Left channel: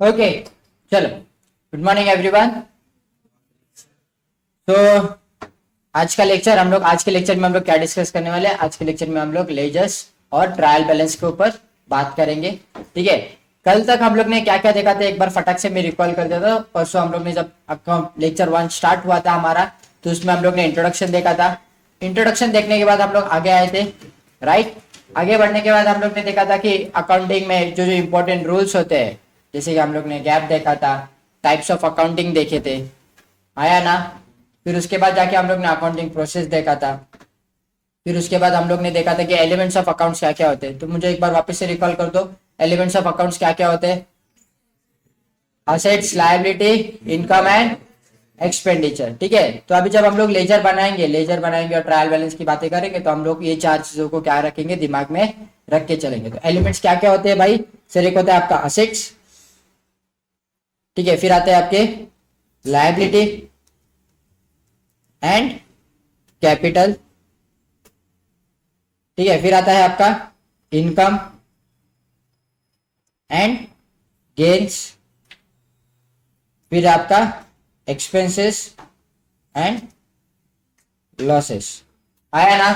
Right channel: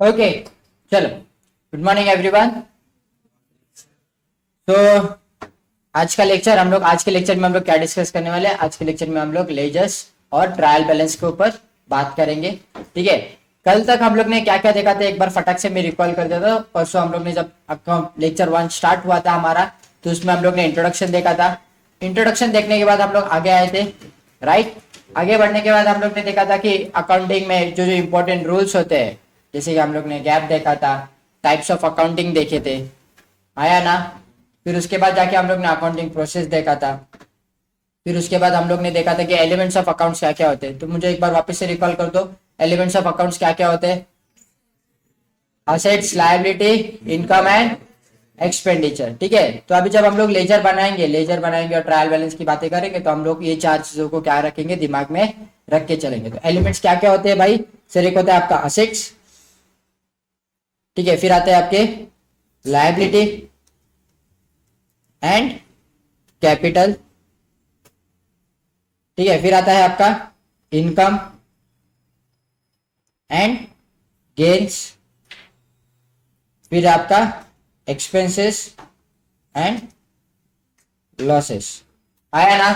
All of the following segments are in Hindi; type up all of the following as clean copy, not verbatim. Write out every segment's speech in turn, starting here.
ओके, चलो। Good morning everyone. तो आज के लेक्चर में हम लोग क्या डिस्कस करने वाले हैं? आज के लेक्चर में हम लोग लेजर्स और ट्रायल बैलेंस के ऊपर बात करेंगे। ठीक है, कल तक हम लोग ने क्या क्या देखा था, एक बार फटाक से मैं रिकॉल कर देता हूँ। परसों हम लोग ने जब लेक्चर 1 स्टार्ट हुआ था हमारा, तो उसमें हम लोग ने इंट्रोडक्शन देखा था। इंट्रोडक्शन देखने के बाद हम लोग आगे आए थे, राइट। आगे बढ़ने के बाद हम लोग ने देखा था कि अकाउंटिंग में जो जो इंपॉर्टेंट रूल्स होते हैं, जैसे कि हम लोग ने गैप देखा था, टाइप्स ऑफ अकाउंटिंग देखे थे, आया ना। फिर उसके बाद जाके हम लोग ने अकाउंटिंग प्रोसेस देखा था। फिर उसके बाद हम लोग ने देखा था कि एलिमेंट्स ऑफ अकाउंट्स क्या क्या होते हैं। तो मुझे एक बार वापस से रिकॉल कर दो, एलिमेंट्स ऑफ अकाउंट्स क्या क्या होते हैं? Assets, liability, income and expenditure. ठीक है, तो अभी जब हम लोग लेजर बनाएंगे और ट्रायल बैलेंस की बातें करेंगे, तो हम लोग ये 4 चीजों को क्या रखेंगे, दिमाग में रख के चलेंगे। तो एलिमेंट्स क्या क्या होते हैं भाई? सर, एक होता है आपका असेट्स, ठीक है। फिर आते हैं आपके लायबिलिटी एंड कैपिटल, ठीक है। फिर आता है आपका इनकम एंड गेन्स, फिर आपका एक्सपेंसेस एंड लॉसेस, आया ना।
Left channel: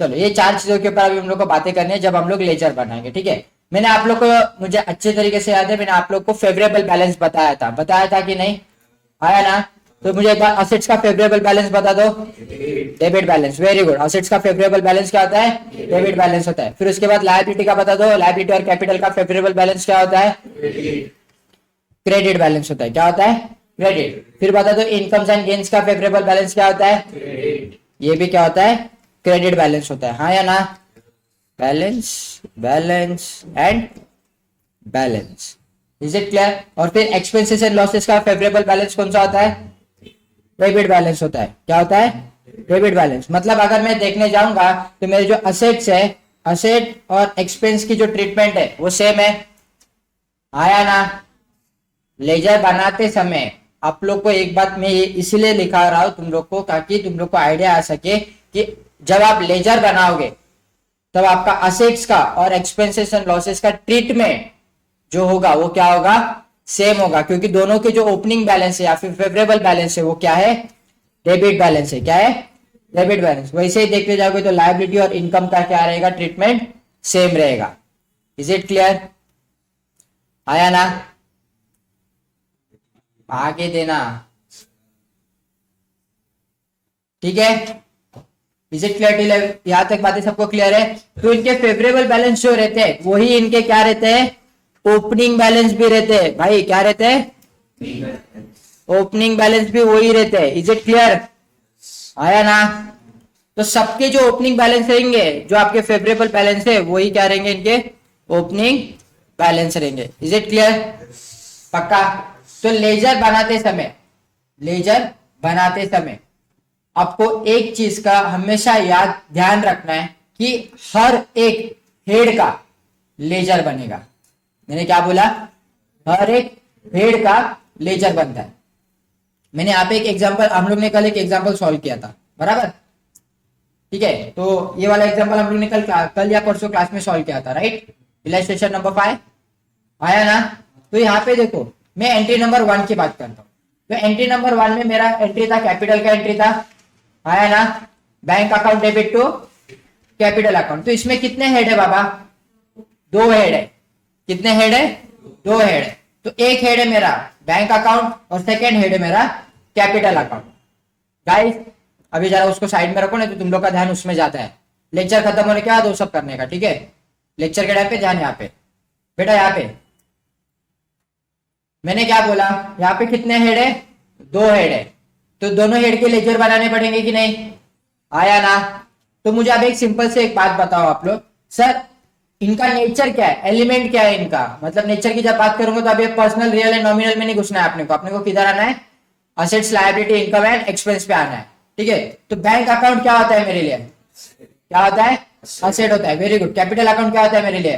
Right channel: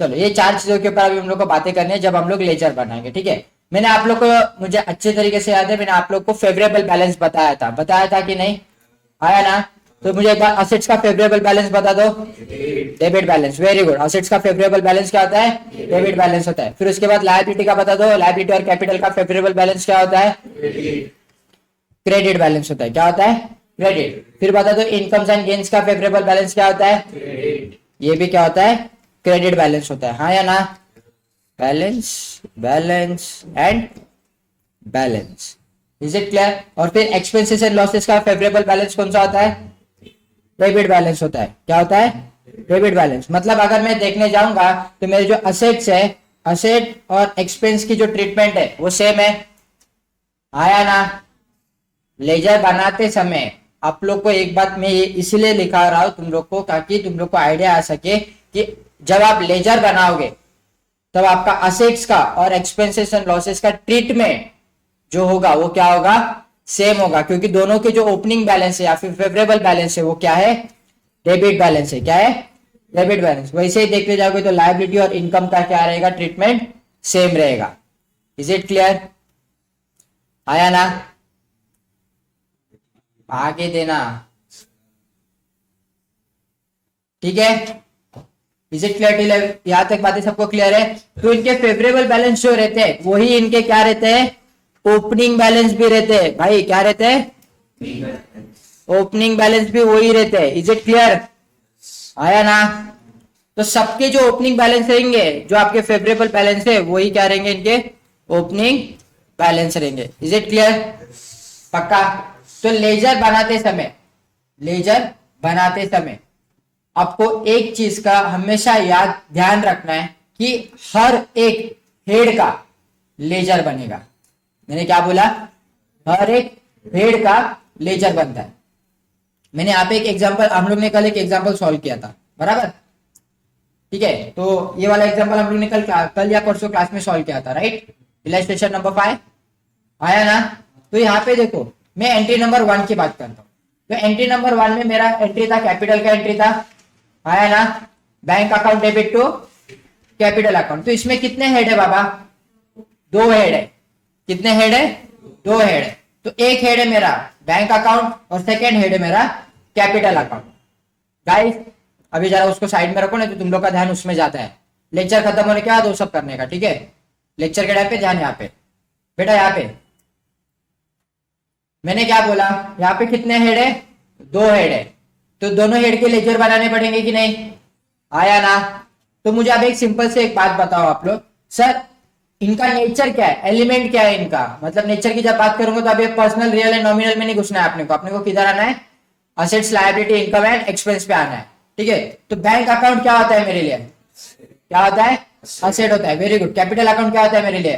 चलो, ये 4 चीजों के ऊपर अभी हम लोग को बातें करनी है जब हम लोग लेजर बनाएंगे। ठीक है, मैंने आप लोग को, मुझे अच्छे तरीके से याद है, मैंने आप लोग को फेवरेबल बैलेंस बताया था कि नहीं? आया ना। तो मुझे एक बार असेट्स का फेवरेबल बैलेंस बता दो। Debit balance, very good. Assets का फेवरेबल बैलेंस क्या होता है? डेबिट बैलेंस होता है। फिर उसके बाद लायबिलिटी का बता दो, लायबिलिटी और कैपिटल का फेवरेबल बैलेंस क्या होता है? क्रेडिट बैलेंस होता है। क्या होता है? क्रेडिट। फिर बता दो, इनकम्स एंड गेन्स का फेवरेबल बैलेंस क्या होता है? ये भी क्या होता है? क्रेडिट बैलेंस होता है, हाँ या ना। Balance, balance and balance, is it clear? और फिर एक्सपेंसेस एंड लॉसेस का फेवरेबल बैलेंस कौन सा होता है? डेबिट बैलेंस होता है। क्या होता है? Debit balance. मतलब अगर मैं देखने जाऊंगा तो मेरे जो असेट्स है, असेट और एक्सपेंस की जो ट्रीटमेंट है वो सेम है, आया ना। लेजर बनाते समय आप लोग को एक बात मैं ये इसलिए लिखा रहा हूं तुम लोग को, ताकि तुम लोग को आइडिया आ सके कि जब आप लेजर बनाओगे तब आपका असेट्स का और एक्सपेंसेस एंड लॉसेस का ट्रीटमेंट जो होगा वो क्या होगा? सेम होगा, क्योंकि दोनों के जो ओपनिंग बैलेंस है या फिर फेवरेबल बैलेंस है वो क्या है? डेबिट बैलेंस है। क्या है? Debit balance. वैसे ही देखते जाओगे तो लायबिलिटी और इनकम का क्या रहेगा? ट्रीटमेंट सेम रहेगा। Is it clear? आया ना? आगे देना, ठीक है। Is it clear? यहां तक बातें सबको क्लियर है? तो इनके फेवरेबल बैलेंस जो रहते हैं वही इनके क्या रहते हैं? ओपनिंग बैलेंस भी रहते हैं भाई। क्या रहते हैं? ओपनिंग बैलेंस भी वही रहते हैं। Is it clear? आया ना। तो सबके जो ओपनिंग बैलेंस रहेंगे, जो आपके फेवरेबल बैलेंस है, वही क्या रहेंगे? इनके ओपनिंग बैलेंस रहेंगे। Is it clear? पक्का? तो लेजर बनाते समय आपको एक चीज का हमेशा ध्यान रखना है कि हर एक हेड का लेजर बनेगा। मैंने क्या बोला? हर एक हेड का लेजर बनता है। मैंने यहाँ पे एक एग्जांपल, हम लोग ने कल एक एग्जांपल सॉल्व किया था, बराबर? ठीक है, तो ये वाला एग्जांपल हम लोग ने कल या परसों क्लास में सॉल्व किया था, राइट? इलस्ट्रेशन नंबर 5, आया ना। तो यहाँ पे देखो, मैं एंट्री नंबर 1 की बात करता हूँ। तो एंट्री नंबर 1 में मेरा एंट्री था, कैपिटल का एंट्री था, आया ना। Bank account debit to capital account. तो इसमें कितने हेड है बाबा? 2 हेड है। कितने हेड है? 2 हेड है। तो एक हेड है मेरा बैंक अकाउंट और सेकेंड हेड है मेरा कैपिटल अकाउंट। गाइस, अभी जरा उसको साइड में रखो, नहीं तो तुम लोग का ध्यान उसमें जाता है। लेक्चर खत्म होने के बाद वो सब करने का, ठीक है? लेक्चर के टाइम पे ध्यान यहाँ पे बेटा। यहाँ पे मैंने क्या बोला? यहाँ पे कितने हेड है? 2 हेड है। तो दोनों हेड के लेजर बनाने पड़ेंगे कि नहीं? आया ना। तो मुझे अब एक सिंपल से एक बात बताओ आप लोग, सर इनका नेचर क्या है, एलिमेंट क्या है इनका? मतलब नेचर की जब बात करूंगा तो अब ये पर्सनल, रियल एंड नॉमिनल में नहीं घुसना है अपने को किधर आना है? Assets, liability, income and expense पे आना है, ठीक है। तो बैंक अकाउंट क्या होता है मेरे लिए? क्या होता है? असेट होता है। Very good. कैपिटल अकाउंट क्या होता है मेरे लिए?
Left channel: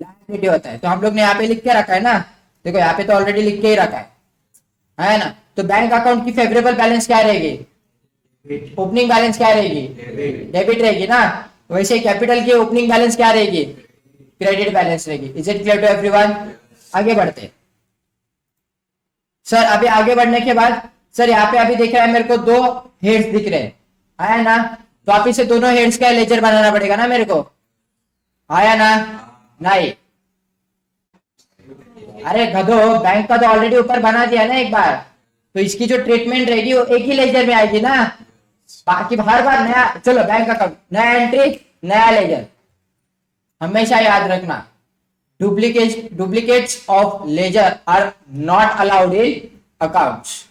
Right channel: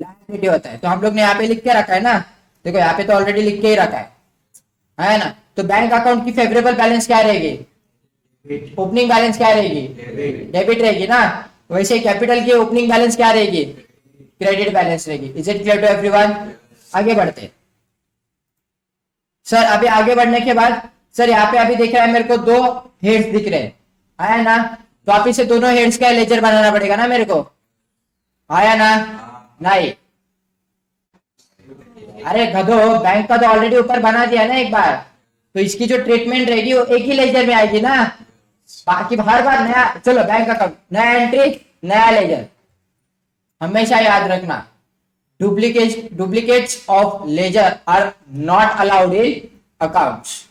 लायबिलिटी होता है। तो हम लोग ने यहाँ पे लिख के रखा है ना, देखो यहाँ पे तो ऑलरेडी लिख के ही रखा है ना। तो बैंक अकाउंट की फेवरेबल बैलेंस क्या रहेगी? ओपनिंग बैलेंस क्या रहेगी? डेबिट रहेगी ना। वैसे कैपिटल की ओपनिंग बैलेंस क्या रहेगी? क्रेडिट बैलेंस रहेगी। Is it clear to everyone? आगे बढ़ते हैं। सर अभी आगे बढ़ने के बाद सर यहाँ पे अभी दिख रहा है मेरे को 2 हेड्स दिख रहे हैं, आया ना? तो आप इसे दोनों हेड्स का लेजर बनाना पड़ेगा ना मेरे को, आया ना? नहीं, अरे गधो, बैंक का तो ऑलरेडी ऊपर बना दिया ना एक बार, तो इसकी जो ट्रीटमेंट रहेगी वो एक ही लेजर में आएगी ना, बाकी हर बार नया। चलो बैंक अकाउंट, नया एंट्री, नया लेजर। हमेशा याद रखना, duplicates of ledger are not allowed in accounts.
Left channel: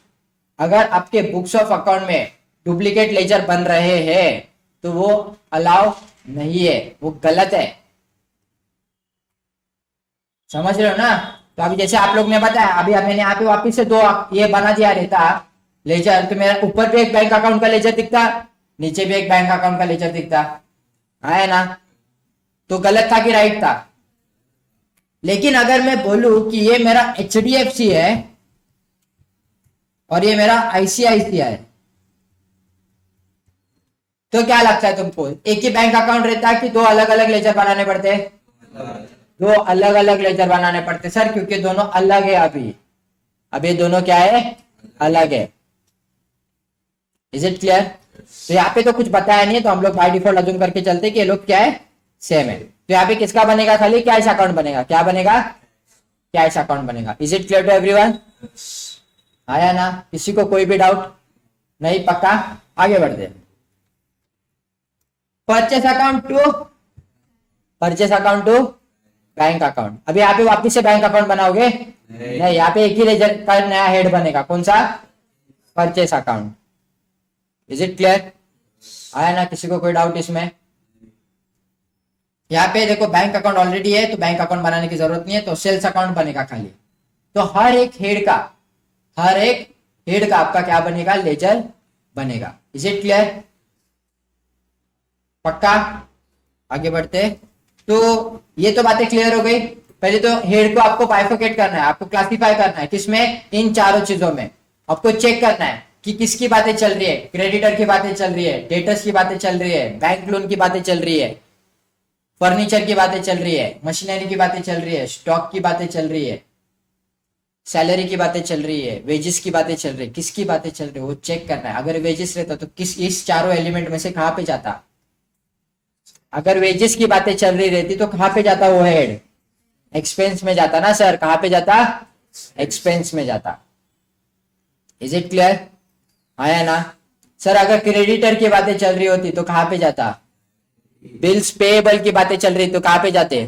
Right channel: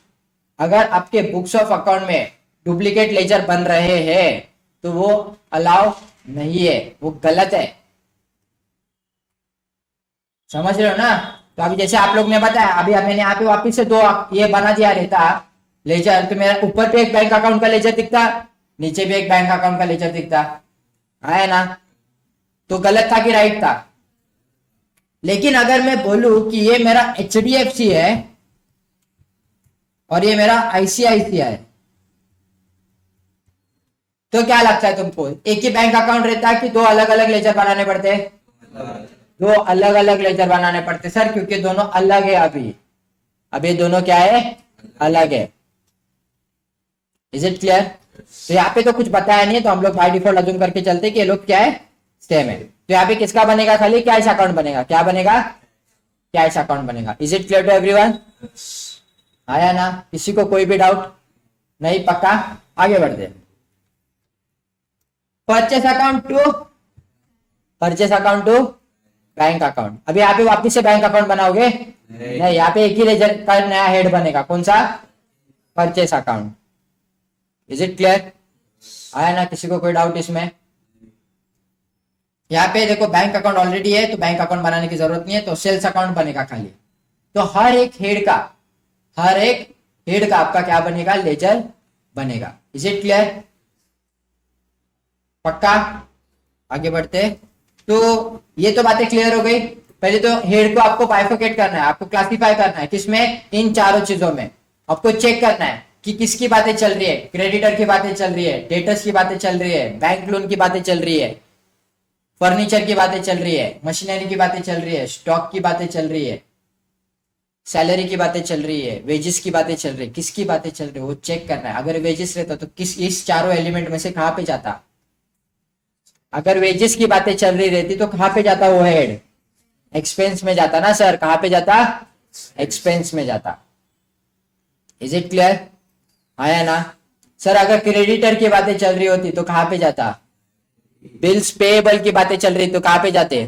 अगर आपके बुक्स ऑफ अकाउंट में डुप्लीकेट लेजर बन रहे हैं तो वो अलाउ नहीं है, वो गलत है, समझ रहे हो ना? तो अभी जैसे आप लोग ने बताया, अभी मैंने यहाँ पे वापिस से 2 ये बना दिया रहता लेजर, तो मेरा ऊपर पे एक बैंक अकाउंट का लेजर दिखता, नीचे भी एक बैंक अकाउंट का लेजर दिखता, आया ना? तो गलत था कि राइट था? लेकिन अगर मैं बोलूं कि ये मेरा HDFC है और ये मेरा ICICI है, तो क्या लगता है तुमको, एक ही बैंक अकाउंट रहता है कि 2 अलग अलग लेजर बनाने पड़ते हैं? 2 अलग अलग लेजर बनाने पड़ते सर, क्योंकि दोनों अलग है। अभी दोनों क्या है? अलग है। Is it clear? तो यहाँ पे तो कुछ बताया नहीं है, तो हम लोग बाय डिफॉल्ट अज्यूम करके चलते कि ये लोग क्या है? सेम है। तो यहाँ पे किसका बनेगा? खाली कैश अकाउंट बनेगा। क्या बनेगा? कैश अकाउंट बनेगा। Is it clear to everyone? आया ना? किसी को कोई भी डाउट नहीं? पक्का? आगे बढ़ते। Purchase account to bank account. अभी यहाँ पे वापिस से बैंक अकाउंट बनाओगे? नहीं, यहाँ पे एक ही लेजर का नया हेड बनेगा। कौन सा? Purchase account. Is it clear? आया ना? किसी को कोई डाउट इसमें? यहाँ पे देखो बैंक अकाउंट ऑलरेडी है, तो बैंक अकाउंट बनाने की जरूरत नहीं है, तो सेल्स अकाउंट बनेगा खाली। तो हर एक हेड का आपका क्या बनेगा? लेजर बनेगा। Is it clear? पक्का? आगे बढ़ते। तो ये तो बातें क्लियर हो गई। पहले तो हेड को आपको बाइफरकेट करना है, आपको क्लासिफाई करना है किसमें? इन चारों चीजों में। आपको चेक करना है कि किसकी बातें चल रही है, क्रेडिटर की बातें चल रही है, डेटर्स की बातें चल रही है, बैंक लोन की बातें चल रही है, फर्नीचर की बातें चल रही है, मशीनरी की बातें चल रही है, स्टॉक की बातें चल रही है, सैलरी की बातें चल रही है, वेजेस की बातें चल रही है, किसकी बातें चल रही है वो चेक करना है। अगर वेजेस रहता तो किस इस चारों एलिमेंट में से कहां पे जाता? अगर वेजेस की बातें चल रही रहती तो कहां पे जाता वो हेड? एक्सपेंस में जाता ना सर। कहां पे जाता? एक्सपेंस में जाता। Is it clear? आया ना? सर अगर क्रेडिटर की बातें चल रही होती तो कहां पे जाता? बिल्स पेएबल की बातें चल रही तो कहां पे जाते?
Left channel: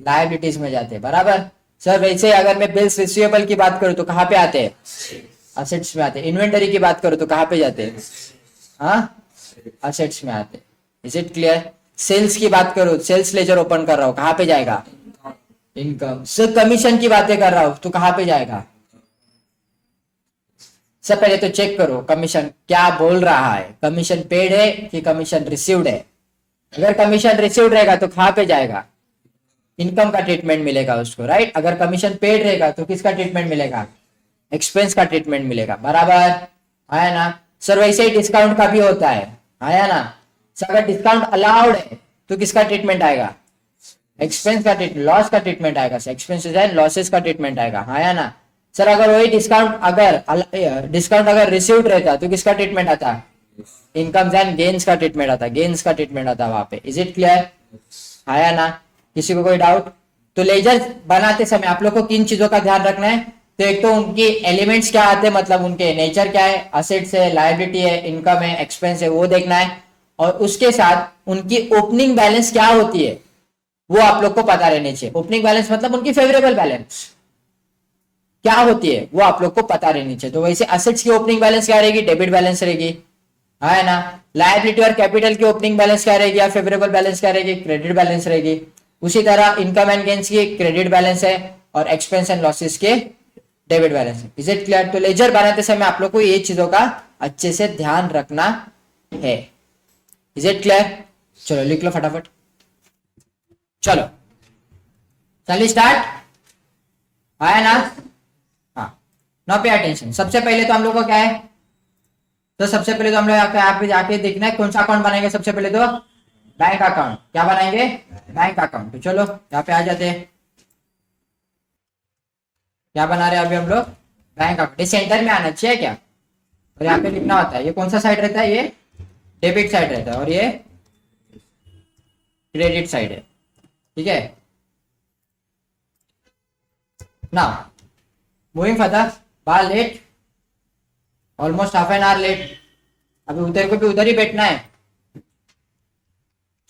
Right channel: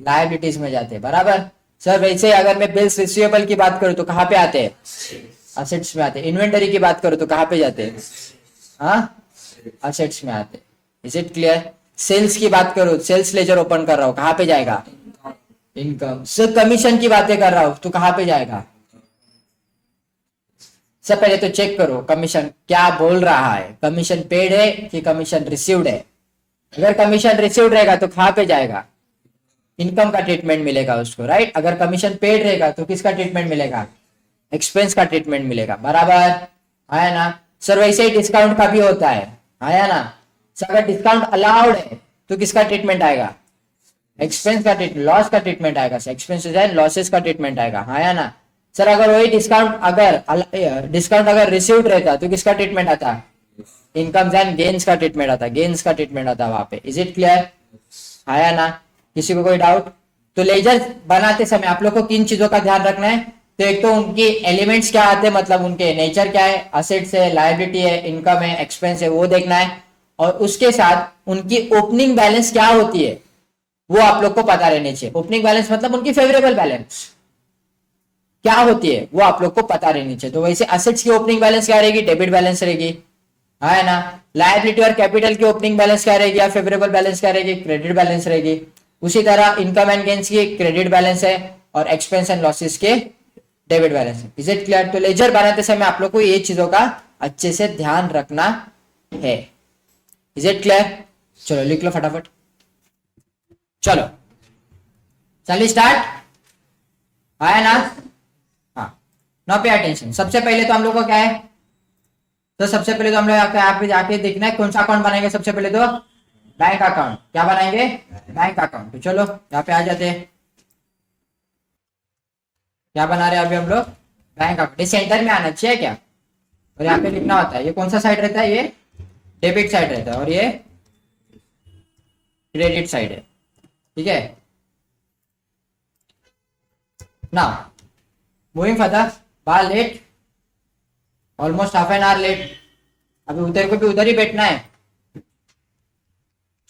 लायबिलिटीज में जाते। बराबर सर। वैसे अगर मैं बिल्स रिसीवेबल की बात करूं तो कहां पे आते? असेट्स में आते। इन्वेंटरी की बात करूं तो कहां पे जाते? हाँ, असेट्स में आते। Is it clear? सेल्स की बात करो, सेल्स लेजर ओपन कर रहा हूं, कहां पे जाएगा? इनकम। सर कमीशन की बातें कर रहा हूं तो कहां पे जाएगा? सब पहले तो चेक करो कमीशन क्या बोल रहा है, कमीशन पेड है कि कमीशन रिसीव्ड है। अगर कमीशन रिसीव्ड रहेगा तो कहां पे जाएगा? इनकम का ट्रीटमेंट मिलेगा उसको, राइट? अगर कमीशन पेड रहेगा तो किसका ट्रीटमेंट मिलेगा? एक्सपेंस का ट्रीटमेंट मिलेगा। बराबर? आया ना? सर वैसे ही डिस्काउंट का भी होता है। आया ना? सर अगर डिस्काउंट अलाउड है तो किसका ट्रीटमेंट आएगा? एक्सपेंस का ट्रीटमेंट, लॉस का ट्रीटमेंट आएगा। एक्सपेंसेस एंड लॉसेस का ट्रीटमेंट आएगा। आया ना? सर अगर वही डिस्काउंट अगर रिसीव्ड रहता तो किसका ट्रीटमेंट आता? इनकम एंड गेन्स का ट्रीटमेंट आता। गेन्स का ट्रीटमेंट आता वहां पे। Is it clear? आया ना? किसी को कोई डाउट? तो लेजर बनाते समय आप लोग को किन चीजों का ध्यान रखना है? तो एक तो उनकी एलिमेंट्स क्या आते हैं, मतलब उनके नेचर क्या है, असेट्स है, लायबिलिटी है, इनकम है, एक्सपेंस है, वो देखना है। और उसके साथ उनकी ओपनिंग बैलेंस क्या होती है वो आप लोग को पता रहनी चाहिए। ओपनिंग बैलेंस मतलब उनकी फेवरेबल बैलेंस क्या होती है वो आप लोग को पता रहनी चाहिए। तो वैसे असेट्स की ओपनिंग बैलेंस क्या रहेगी? डेबिट बैलेंस रहेगी। है ना? लायबिलिटी और कैपिटल की ओपनिंग बैलेंस क्या रहेगी या फेवरेबल बैलेंस क्या रहेगी? क्रेडिट बैलेंस रहेगी। उसी तरह इनकम एंड गेन्स की क्रेडिट बैलेंस है और एक्सपेंस एंड लॉसेस के डेबिट बैलेंस है। Is it clear? तो लेजर बनाते समय आप लोग को ये चीजों का अच्छे से ध्यान रखना है। Is it clear? चलो लिख लो फटाफट। चलो चलिए स्टार्ट। आया ना? हाँ, नाउ पे अटेंशन। सबसे पहले तो हम लोग को क्या है? तो सबसे पहले तो हम लोग यहाँ पे देखना है कौन सा अकाउंट बनाएंगे। सबसे पहले तो बैंक अकाउंट। क्या बनाएंगे? Bank account. तो चलो यहाँ पे आ जाते हैं। क्या बना रहे हैं अभी हम लोग? बैंक अकाउंट ये सेंटर में आना चाहिए क्या, और यहाँ पे लिखना होता है, ये कौन सा साइड रहता है, ये डेबिट साइड रहता है और ये क्रेडिट साइड है, ठीक है। ना मूविंग फर्दर, बार late, almost half an hour late, अभी उधर को भी उधर ही बैठना है।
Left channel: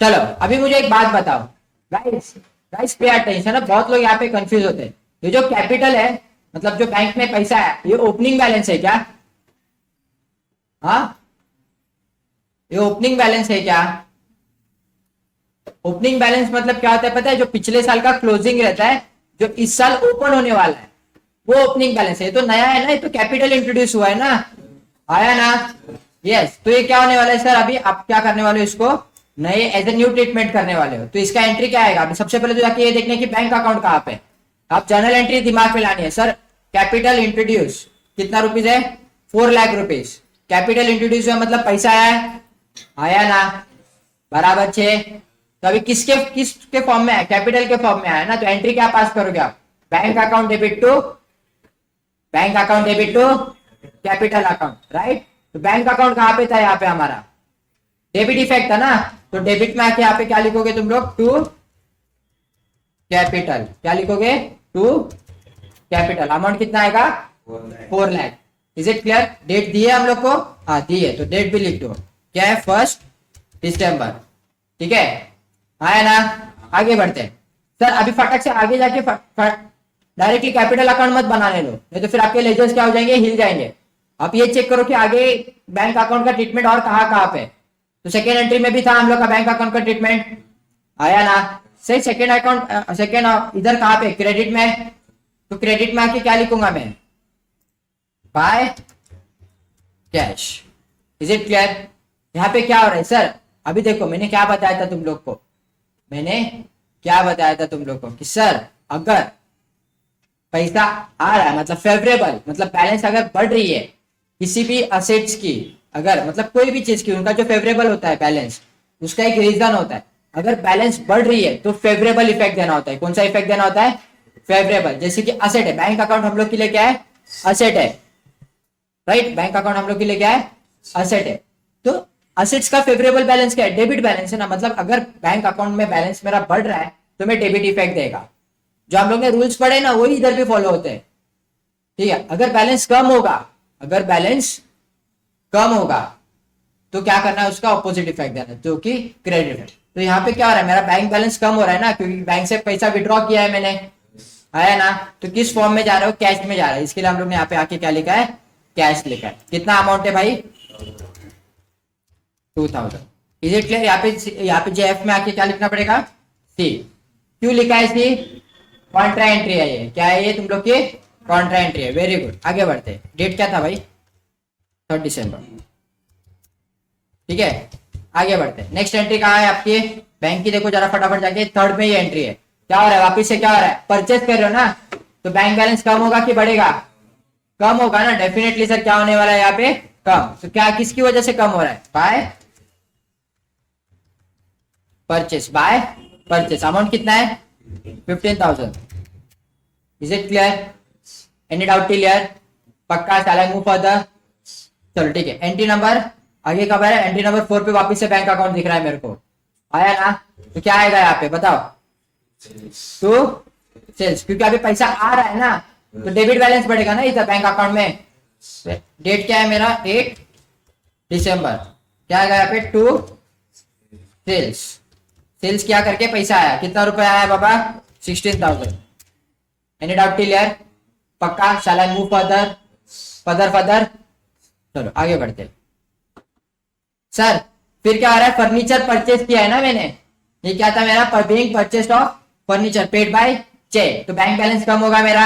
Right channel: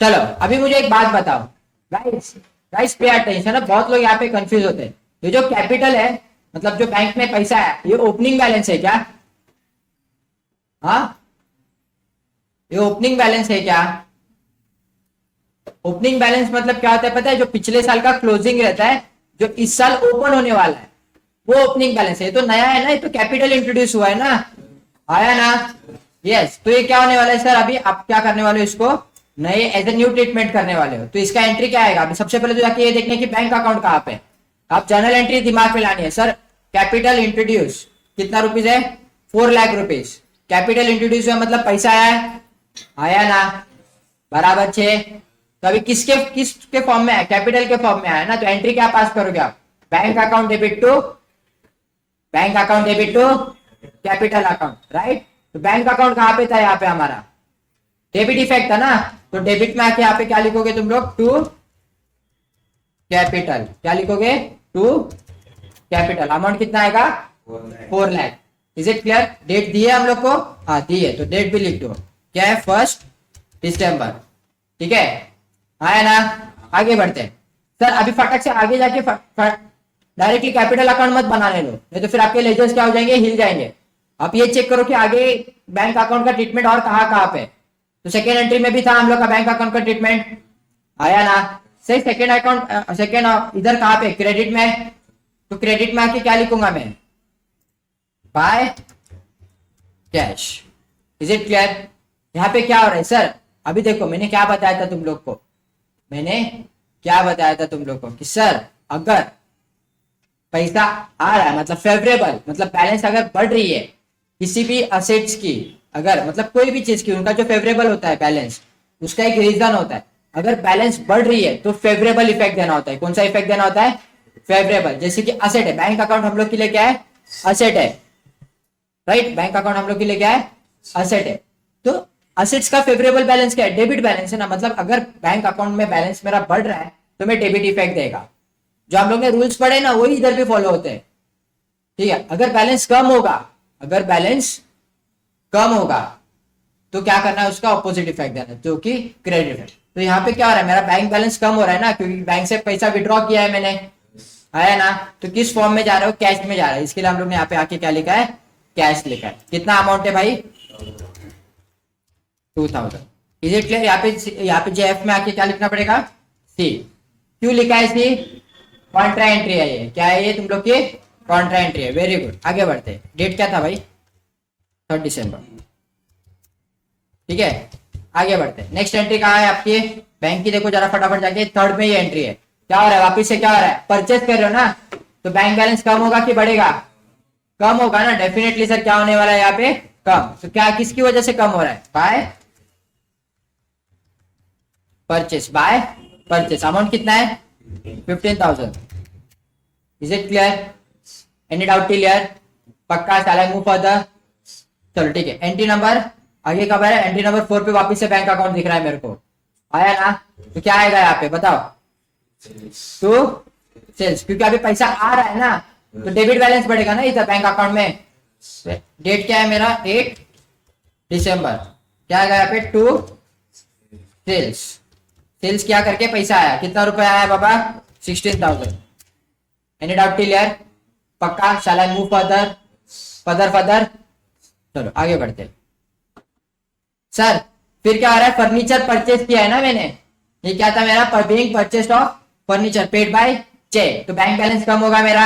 चलो अभी मुझे एक बात बताओ गाइस, गाइस पे अटेंशन है, बहुत लोग यहाँ पे कंफ्यूज होते हैं। ये जो कैपिटल है, मतलब जो बैंक में पैसा है, ये ओपनिंग बैलेंस है क्या? हाँ, ये ओपनिंग बैलेंस है क्या? ओपनिंग बैलेंस मतलब क्या होता है पता है? जो पिछले साल का क्लोजिंग रहता है, जो इस साल ओपन होने वाला है, वो ओपनिंग बैलेंस है। ये तो नया है ना, ये तो कैपिटल इंट्रोड्यूस हुआ है ना, आया ना? यस, तो ये क्या होने वाला है सर, अभी आप क्या करने वाले हो, इसको नए एज ए न्यू ट्रीटमेंट करने वाले हो। तो इसका एंट्री क्या आएगा? अभी सबसे पहले तो जाके ये देखने की बैंक अकाउंट कहाँ पे, आप जर्नल एंट्री दिमाग में लानी है। सर कैपिटल इंट्रोड्यूस कितना रुपीज है? 4 लाख रुपीज। कैपिटल इंट्रोड्यूस हुआ मतलब पैसा आया, आया ना? बराबर 6। तो अभी किसके फॉर्म में है? कैपिटल के फॉर्म में आया ना, तो एंट्री क्या पास करोगे आप? Bank account debit to, bank account debit to capital account, right. तो बैंक अकाउंट कहाँ पे था? यहाँ पे हमारा डेबिट इफेक्ट था ना, तो डेबिट में आके यहाँ पे क्या लिखोगे तुम लोग? To capital. क्या लिखोगे? To capital. अमाउंट कितना आएगा? 4 lakh. Is it clear? Date दी है हम लोग को? हाँ दी है, तो डेट भी लिख दो। क्या है? 1 दिसंबर, ठीक है, आया ना? आगे बढ़ते हैं सर, अभी फटक से आगे जाके डायरेक्टली कैपिटल अकाउंट मत बनाने लो, नहीं तो फिर आपके लेजर्स क्या हो जाएंगे? हिल जाएंगे। आप ये चेक करो कि आगे बैंक अकाउंट का ट्रीटमेंट और कहाँ कहाँ पे। तो सेकेंड एंट्री में भी था हम लोग का बैंक अकाउंट का ट्रीटमेंट, आया ना? सही, सेकेंड अकाउंट, सेकेंड इधर कहाँ पे? क्रेडिट में। तो क्रेडिट में आके क्या लिखूंगा मैं? By cash. Is it clear? यहाँ पे क्या हो रहा है सर? अभी देखो मैंने क्या बताया था तुम लोग को, मैंने क्या बताया था तुम लोग को कि सर अगर पैसा आ रहा है, मतलब फेवरेबल, मतलब बैलेंस अगर बढ़ रही है किसी भी असेट्स की, अगर मतलब कोई भी चीज की, उनका जो फेवरेबल होता है बैलेंस, उसका एक रीजन होता है। अगर बैलेंस बढ़ रही है तो फेवरेबल इफेक्ट देना होता है। कौन सा इफेक्ट देना होता है? फेवरेबल। जैसे कि असेट है, बैंक अकाउंट हम लोग के लिए क्या है? असेट है, राइट। बैंक अकाउंट हम लोग के लिए क्या है? असेट है। तो असेट्स का फेवरेबल बैलेंस क्या है? डेबिट बैलेंस है ना, मतलब अगर बैंक अकाउंट में बैलेंस मेरा बढ़ रहा है तो मैं डेबिट इफेक्ट देगा। जो हम लोग ने रूल्स पढ़े ना, वही इधर भी फॉलो होते हैं, ठीक है। अगर बैलेंस कम होगा, अगर बैलेंस कम होगा तो क्या करना है? उसका ऑपोजिट इफेक्ट देना है, जो कि क्रेडिट है। तो यहाँ पे क्या हो रहा है? मेरा बैंक बैलेंस कम हो रहा है ना, क्योंकि बैंक से पैसा विड्रॉ किया है मैंने, आया ना? तो किस फॉर्म में जा रहा है? कैश में जा रहा है। इसके लिए हम लोग ने यहाँ पे आके क्या लिखा है? कैश लिखा है। कितना अमाउंट है भाई? 2000। Is it clear? यहाँ पे जेएफ में आके क्या लिखना पड़ेगा? सी। क्यों लिखा है सी? कॉन्ट्रा एंट्री है ये। क्या है ये तुम लोग की? कॉन्ट्रा एंट्री है। वेरी गुड, आगे बढ़ते हैं। डेट क्या था भाई? 3 दिसंबर, ठीक है। आगे बढ़ते हैं। नेक्स्ट एंट्री कहाँ है आपकी? बैंक की देखो जरा फटाफट जाके, थर्ड में ही एंट्री है। क्या हो रहा है? वापिस से क्या हो रहा है? परचेस कर रहे हो ना, तो बैंक बैलेंस कम होगा कि बढ़ेगा? कम होगा ना, डेफिनेटली सर। क्या होने वाला है यहाँ पे? कम। तो क्या किसकी वजह से कम हो रहा है? By purchase, by purchase. Amount कितना है? 15,000। Is it clear? Any doubt? Clear? पक्का? साला मूव फर्दर। चलो ठीक है। एंट्री नंबर आगे कब है? एंट्री नंबर 4 पे वापिस से बैंक अकाउंट दिख रहा है मेरे को, आया ना? तो क्या आएगा यहाँ पे बताओ? तो सेल्स, क्योंकि अभी पैसा आ रहा है ना, तो डेबिट बैलेंस बढ़ेगा ना इधर बैंक अकाउंट में। डेट क्या है मेरा? 8 दिसंबर। क्या आएगा यहाँ पे? To sales. सेल्स क्या करके पैसा आया? कितना रुपया आया बाबा? 16,000। Any doubt? क्लियर? पक्का? शाला मूव फर्दर, फर्दर फर्दर। चलो आगे बढ़ते। सर फिर क्या आ रहा है? फर्नीचर परचेज किया है ना मैंने, ये क्या था मेरा? Being purchase of furniture paid by cheque. तो बैंक बैलेंस कम होगा मेरा,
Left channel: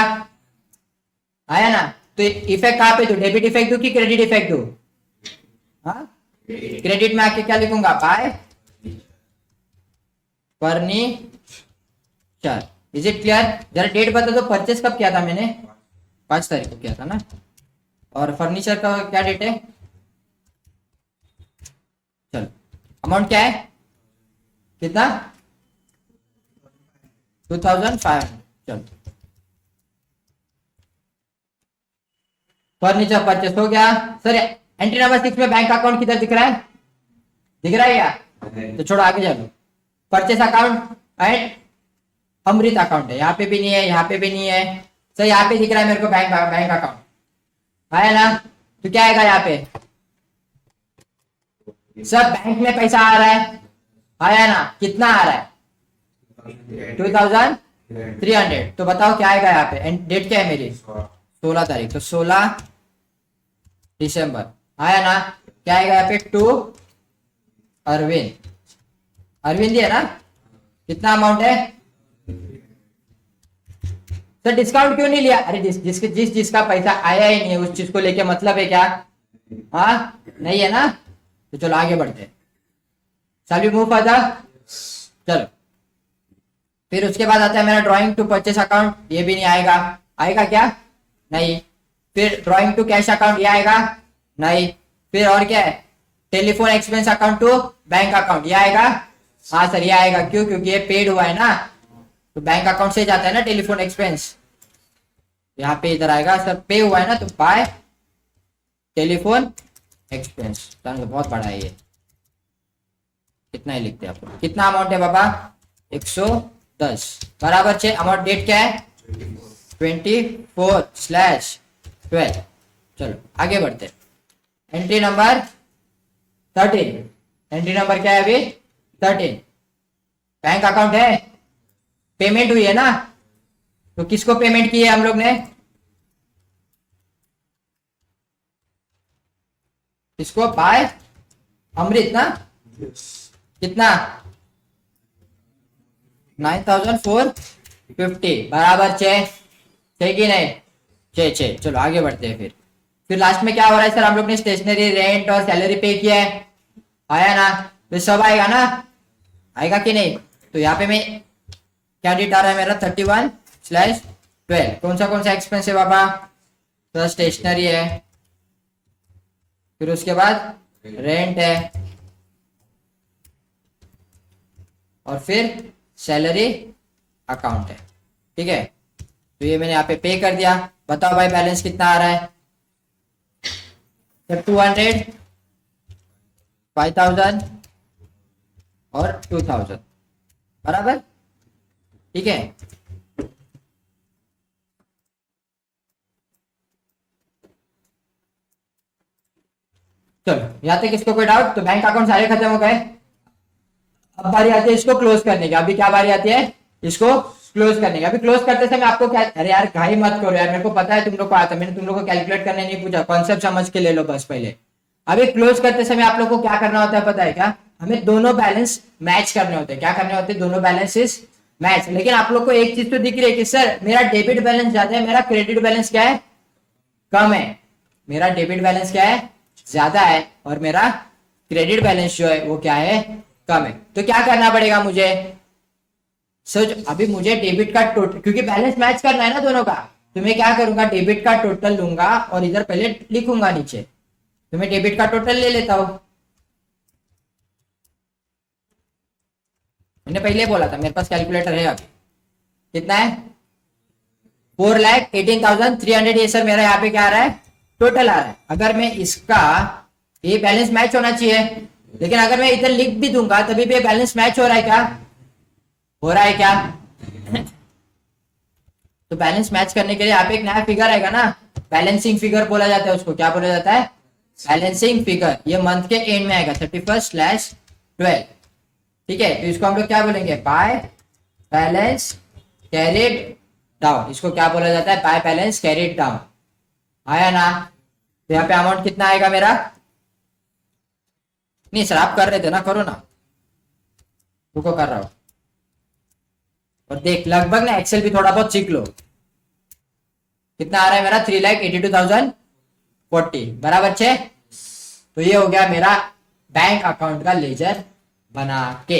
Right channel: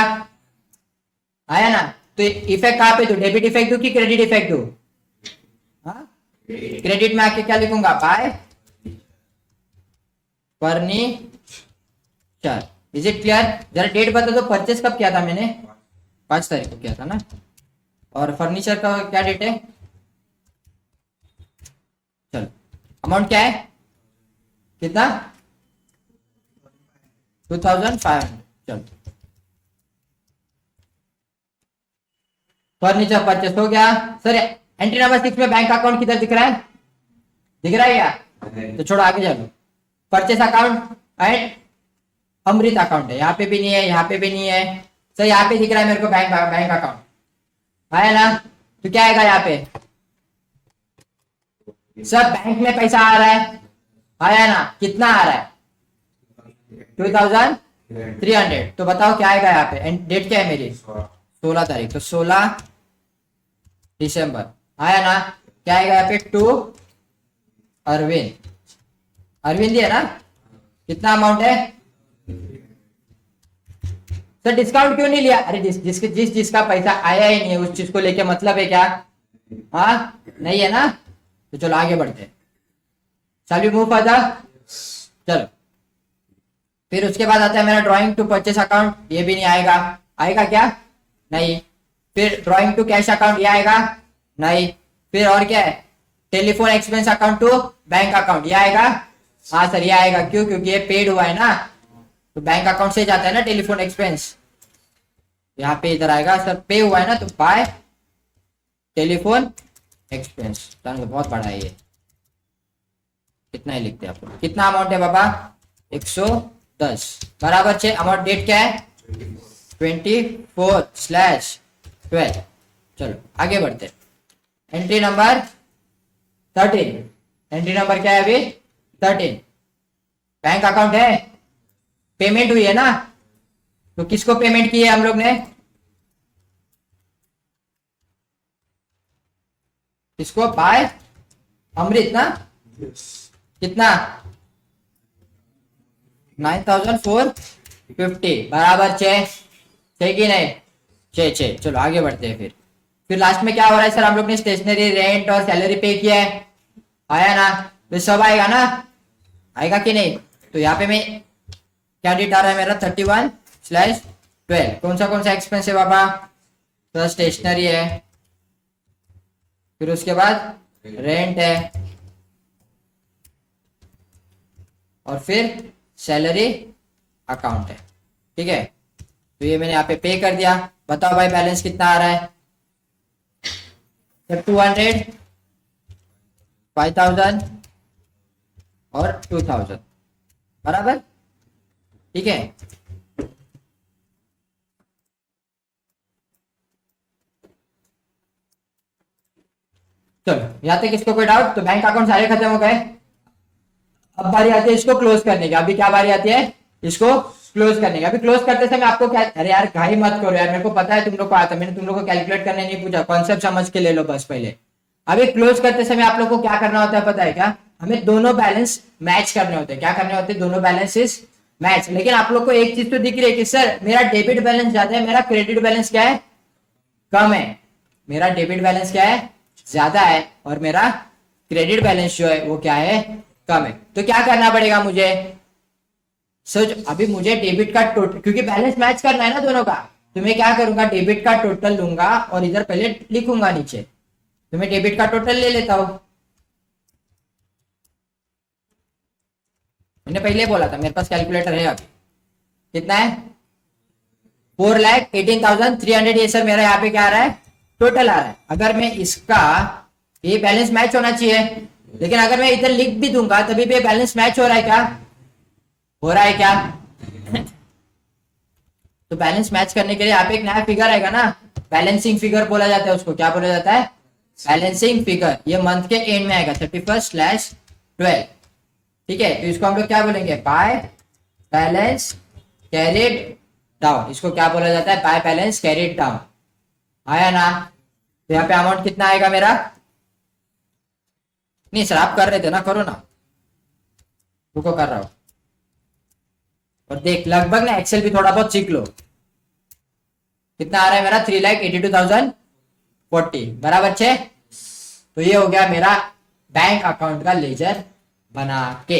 आया ना? तो इफेक्ट कहाँ पे दो? डेबिट इफेक्ट दो कि क्रेडिट इफेक्ट दो? हाँ, क्रेडिट में आके क्या लिखूंगा? Bye furniture. Is it clear? जरा डेट बता दो, परचेस कब किया था मैंने? 5 तारीख को किया था ना। और फर्नीचर का क्या डेट है? चलो, अमाउंट क्या है? कितना? 2,500। चलो फर्नीचर परचेस हो गया सर। एंट्री नंबर 6 में बैंक अकाउंट किधर दिख रहा है? दिख रहा है क्या? तो छोड़ो, आगे चलो। Purchase account and Amrit account है, यहाँ पे भी नहीं है, यहाँ पे भी नहीं है सर। यहाँ पे दिख रहा है मेरे को बैंक बैंक अकाउंट है ना। तो क्या आएगा यहाँ पे? सर बैंक में पैसा आ रहा है, आया ना? कितना आ रहा है? 2300। तो बताओ क्या आएगा यहाँ पे? डेट क्या है मेरी? 16 तारीख, तो 16 दिसंबर आया ना? क्या आएगा यहाँ पे? टू अरविंद। अरविंद ही है ना? कितना अमाउंट है सर? डिस्काउंट क्यों नहीं लिया? अरे जिसका पैसा आया ही नहीं है उस चीज को लेके मतलब है क्या? हाँ नहीं है ना? तो चलो आगे बढ़ते हैं। Shall we move further? चलो, फिर उसके बाद आता है मेरा ड्राइंग टू परचेस अकाउंट, ये भी नहीं आएगा। आएगा क्या? नहीं। फिर ड्राइंग टू कैश अकाउंट, ये आएगा? नहीं। फिर और क्या है? Telephone expense account to bank account, ये आएगा? हाँ सर ये आएगा। क्यों? क्योंकि ये पेड हुआ है ना, तो बैंक अकाउंट से जाता है ना टेलीफोन एक्सपेंस। यहाँ पे इधर आएगा सर, पे हुआ है ना, तो बाय टेलीफोन एक्सपेंस। तो बहुत बड़ा है ये, कितना ही लिखते हैं आपको। कितना अमाउंट है बाबा? 110 बराबर 6। अमाउंट डेट क्या है? 24/12। चलो आगे बढ़ते। Entry number 13। एंट्री नंबर क्या है अभी? 13। बैंक अकाउंट है, पेमेंट हुई है ना? तो किसको पेमेंट की है हम लोग ने? किसको? बाय अमृत ना? कितना? 9450 बराबर 6। ठीक ही नहीं? 6। चलो आगे बढ़ते हैं। फिर लास्ट में क्या हो रहा है सर? हम लोग ने स्टेशनरी, रेंट और सैलरी पे किया है, आया ना? तो सब आएगा ना? आएगा कि नहीं? तो यहाँ पे मैं क्या डेट आ रहा है मेरा? 31/12। कौन सा एक्सपेंस है बाबा? तो स्टेशनरी है, फिर उसके बाद रेंट है, और फिर सैलरी अकाउंट है। ठीक है, तो ये मैंने यहाँ पे पे कर दिया। बताओ भाई बैलेंस कितना आ रहा है? तो 200, 5000 और 2000 बराबर। ठीक है, चलो यहाँ तक इसको कोई डाउट? तो बैंक अकाउंट सारे खत्म हो गए। अब बारी आती है इसको क्लोज करने की। अभी क्या बारी आती है? इसको क्लोज करने की। अभी क्लोज करते समय आपको क्या, अरे यार घाई मत करो यार, मेरे को पता है तुम लोग को आता है, मैंने तुम लोग को कैलकुलेट करने नहीं पूछा, कॉन्सेप्ट समझ के ले लो बस पहले। अभी क्लोज करते समय आप लोग को क्या करना होता है पता है क्या? हमें दोनों बैलेंस मैच करने होते हैं। क्या करने होते हैं? दोनों बैलेंसेस मैच। लेकिन आप लोग को एक चीज तो दिख रही है कि सर मेरा डेबिट बैलेंस ज्यादा है, मेरा क्रेडिट बैलेंस क्या है? कम है। मेरा डेबिट बैलेंस क्या है? ज्यादा है, और मेरा क्रेडिट बैलेंस जो है वो क्या है? कम है। तो क्या करना पड़ेगा मुझे? सर अभी मुझे डेबिट का टोटल, क्योंकि बैलेंस मैच करना है ना दोनों का, तो मैं क्या करूंगा? डेबिट का टोटल लूंगा और इधर पहले लिखूंगा नीचे। तो मैं डेबिट का टोटल ले लेता हूं। मैंने पहले बोला था मेरे पास कैलकुलेटर है अभी। कितना है? 4,18,300। ये सर मेरा यहाँ पे क्या आ रहा है? टोटल आ रहा है। अगर मैं इसका, ये बैलेंस मैच होना चाहिए, लेकिन अगर मैं इधर लिख भी दूंगा तभी भी बैलेंस मैच हो रहा है क्या? हो रहा है क्या? तो बैलेंस मैच करने के लिए यहाँ पे एक नया फिगर आएगा ना, बैलेंसिंग फिगर बोला जाता है उसको। क्या बोला जाता है? Balancing figure. ये मंथ के एंड में आएगा 31/12। ठीक है, तो इसको हम लोग क्या बोलेंगे? By balance carried down. इसको क्या बोला जाता है? By balance carried down. आया ना? तो यहाँ पे अमाउंट कितना आएगा मेरा? नहीं सर आप कर रहे थे ना, करो ना, रुको कर रहा हूं। और देख लगभग ना एक्सेल भी थोड़ा बहुत सीख लो। कितना आ रहा है मेरा? 3,82,040 बराबर 6। तो ये हो गया मेरा बैंक अकाउंट का लेजर बना के।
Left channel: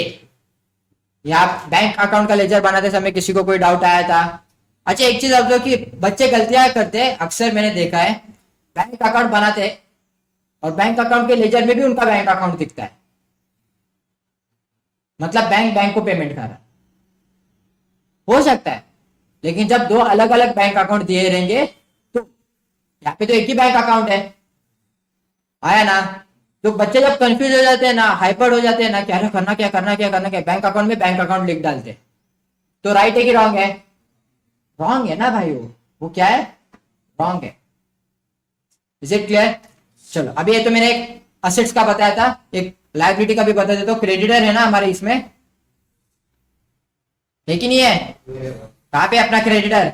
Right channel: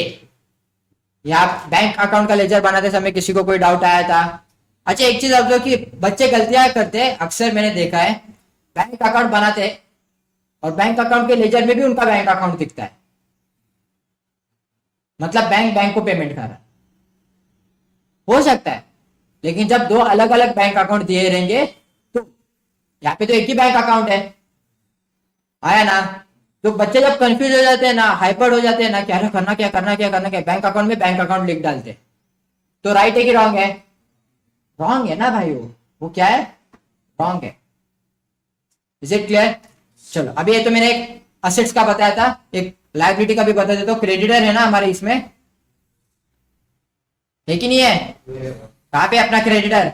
यहाँ बैंक अकाउंट का लेजर बनाते समय किसी को कोई डाउट आया था? अच्छा एक चीज अब जो कि बच्चे गलतियां करते हैं, अक्सर मैंने देखा है, बैंक अकाउंट बनाते हैं और बैंक अकाउंट के लेजर में भी उनका बैंक अकाउंट दिखता है, मतलब बैंक को पेमेंट कर रहा है। हो सकता है, लेकिन जब दो अलग अलग बैंक अकाउंट दिए रहेंगे तो यहाँ पे तो एक ही बैंक अकाउंट है। आया ना। तो बच्चे जब कंफ्यूज हो जाते हैं ना, हाइपर हो जाते हैं ना, क्या करना क्या करना क्या करना क्या, बैंक अकाउंट में बैंक अकाउंट लिख डालते हैं। तो राइट है कि रॉन्ग है? रॉन्ग है ना भाई, वो क्या है? रॉन्ग है। Is it clear? चलो अभी ये तो मैंने एक असेट्स का बताया था, एक लायबिलिटी का भी बता देता हूँ। क्रेडिटर है ना हमारे इसमें, है कि नहीं है? कहाँ पे अपना क्रेडिटर?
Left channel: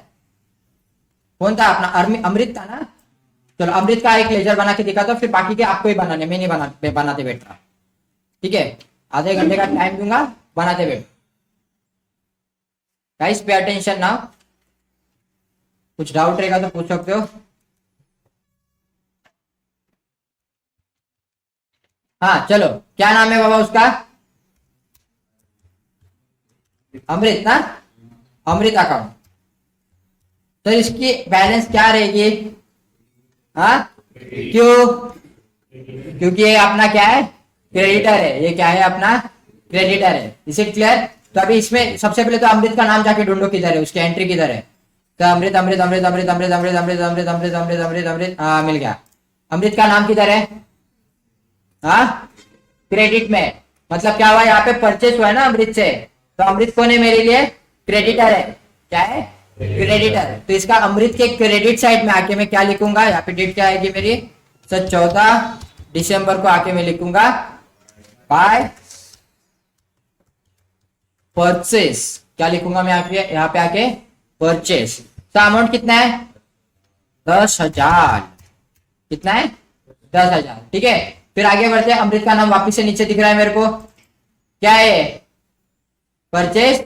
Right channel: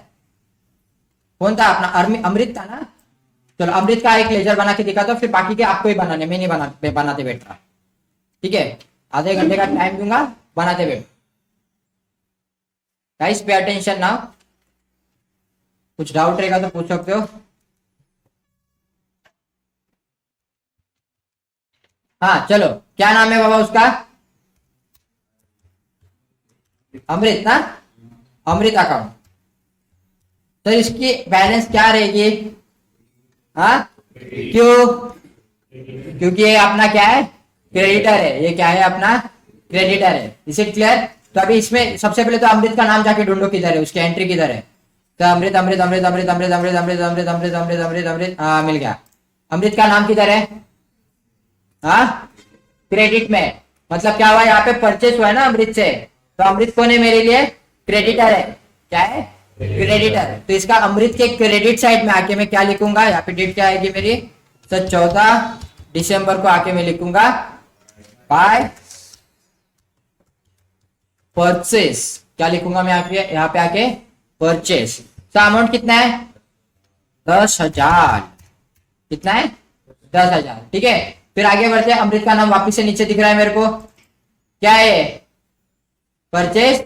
कौन था अपना? अमृत था ना। चलो अमृत का एक लेजर बना के दिखा दो, फिर बाकी के आपको ही बनाने, मैं नहीं बनाते बैठ रहा। ठीक है, आधे घंटे का टाइम दूंगा, बनाते बैठ। Guys pay attention now. कुछ डाउट रहेगा तो पूछ सकते हो। हाँ चलो, क्या नाम है बाबा उसका? अमृत ना। अमृत अकाउंट। तो इसकी बैलेंस क्या रहेगी? हाँ, क्यों? क्योंकि ये अपना क्या है? क्रेडिटर है। ये क्या है? अपना क्रेडिटर है। इसे क्लियर? तो अभी इसमें सबसे पहले तो अमृत का नाम जाके ढूंढो, किधर है उसकी एंट्री, किधर है? तो अमृत अमृत अमृत अमृत अमृत अमृत अमृत अमृत अमृत अमृत अमृत अमृत, हाँ मिल गया। अमृत का नाम किधर है? हाँ, क्रेडिट में। मतलब क्या हुआ यहाँ पे? परचेस हुआ है ना अमृत से। तो अमृत कौन है मेरे लिए? क्रेडिटर है। क्या है? क्रेडिटर। तो इसका अमृत के क्रेडिट साइड में आके मैं क्या लिखूंगा? यहाँ पे डेट क्या आएगी मेरी? सर 14 दिसंबर को आके मैं लिखूंगा बाय परचेस। क्या लिखूंगा मैं यहाँ पे आके? परचेस। तो अमाउंट कितना है? 10,000। कितना है? 10,000। ठीक है, फिर आगे बढ़ते हैं। अमृत का नाम वापिस से नीचे दिख रहा है मेरे को, क्या है? परचेस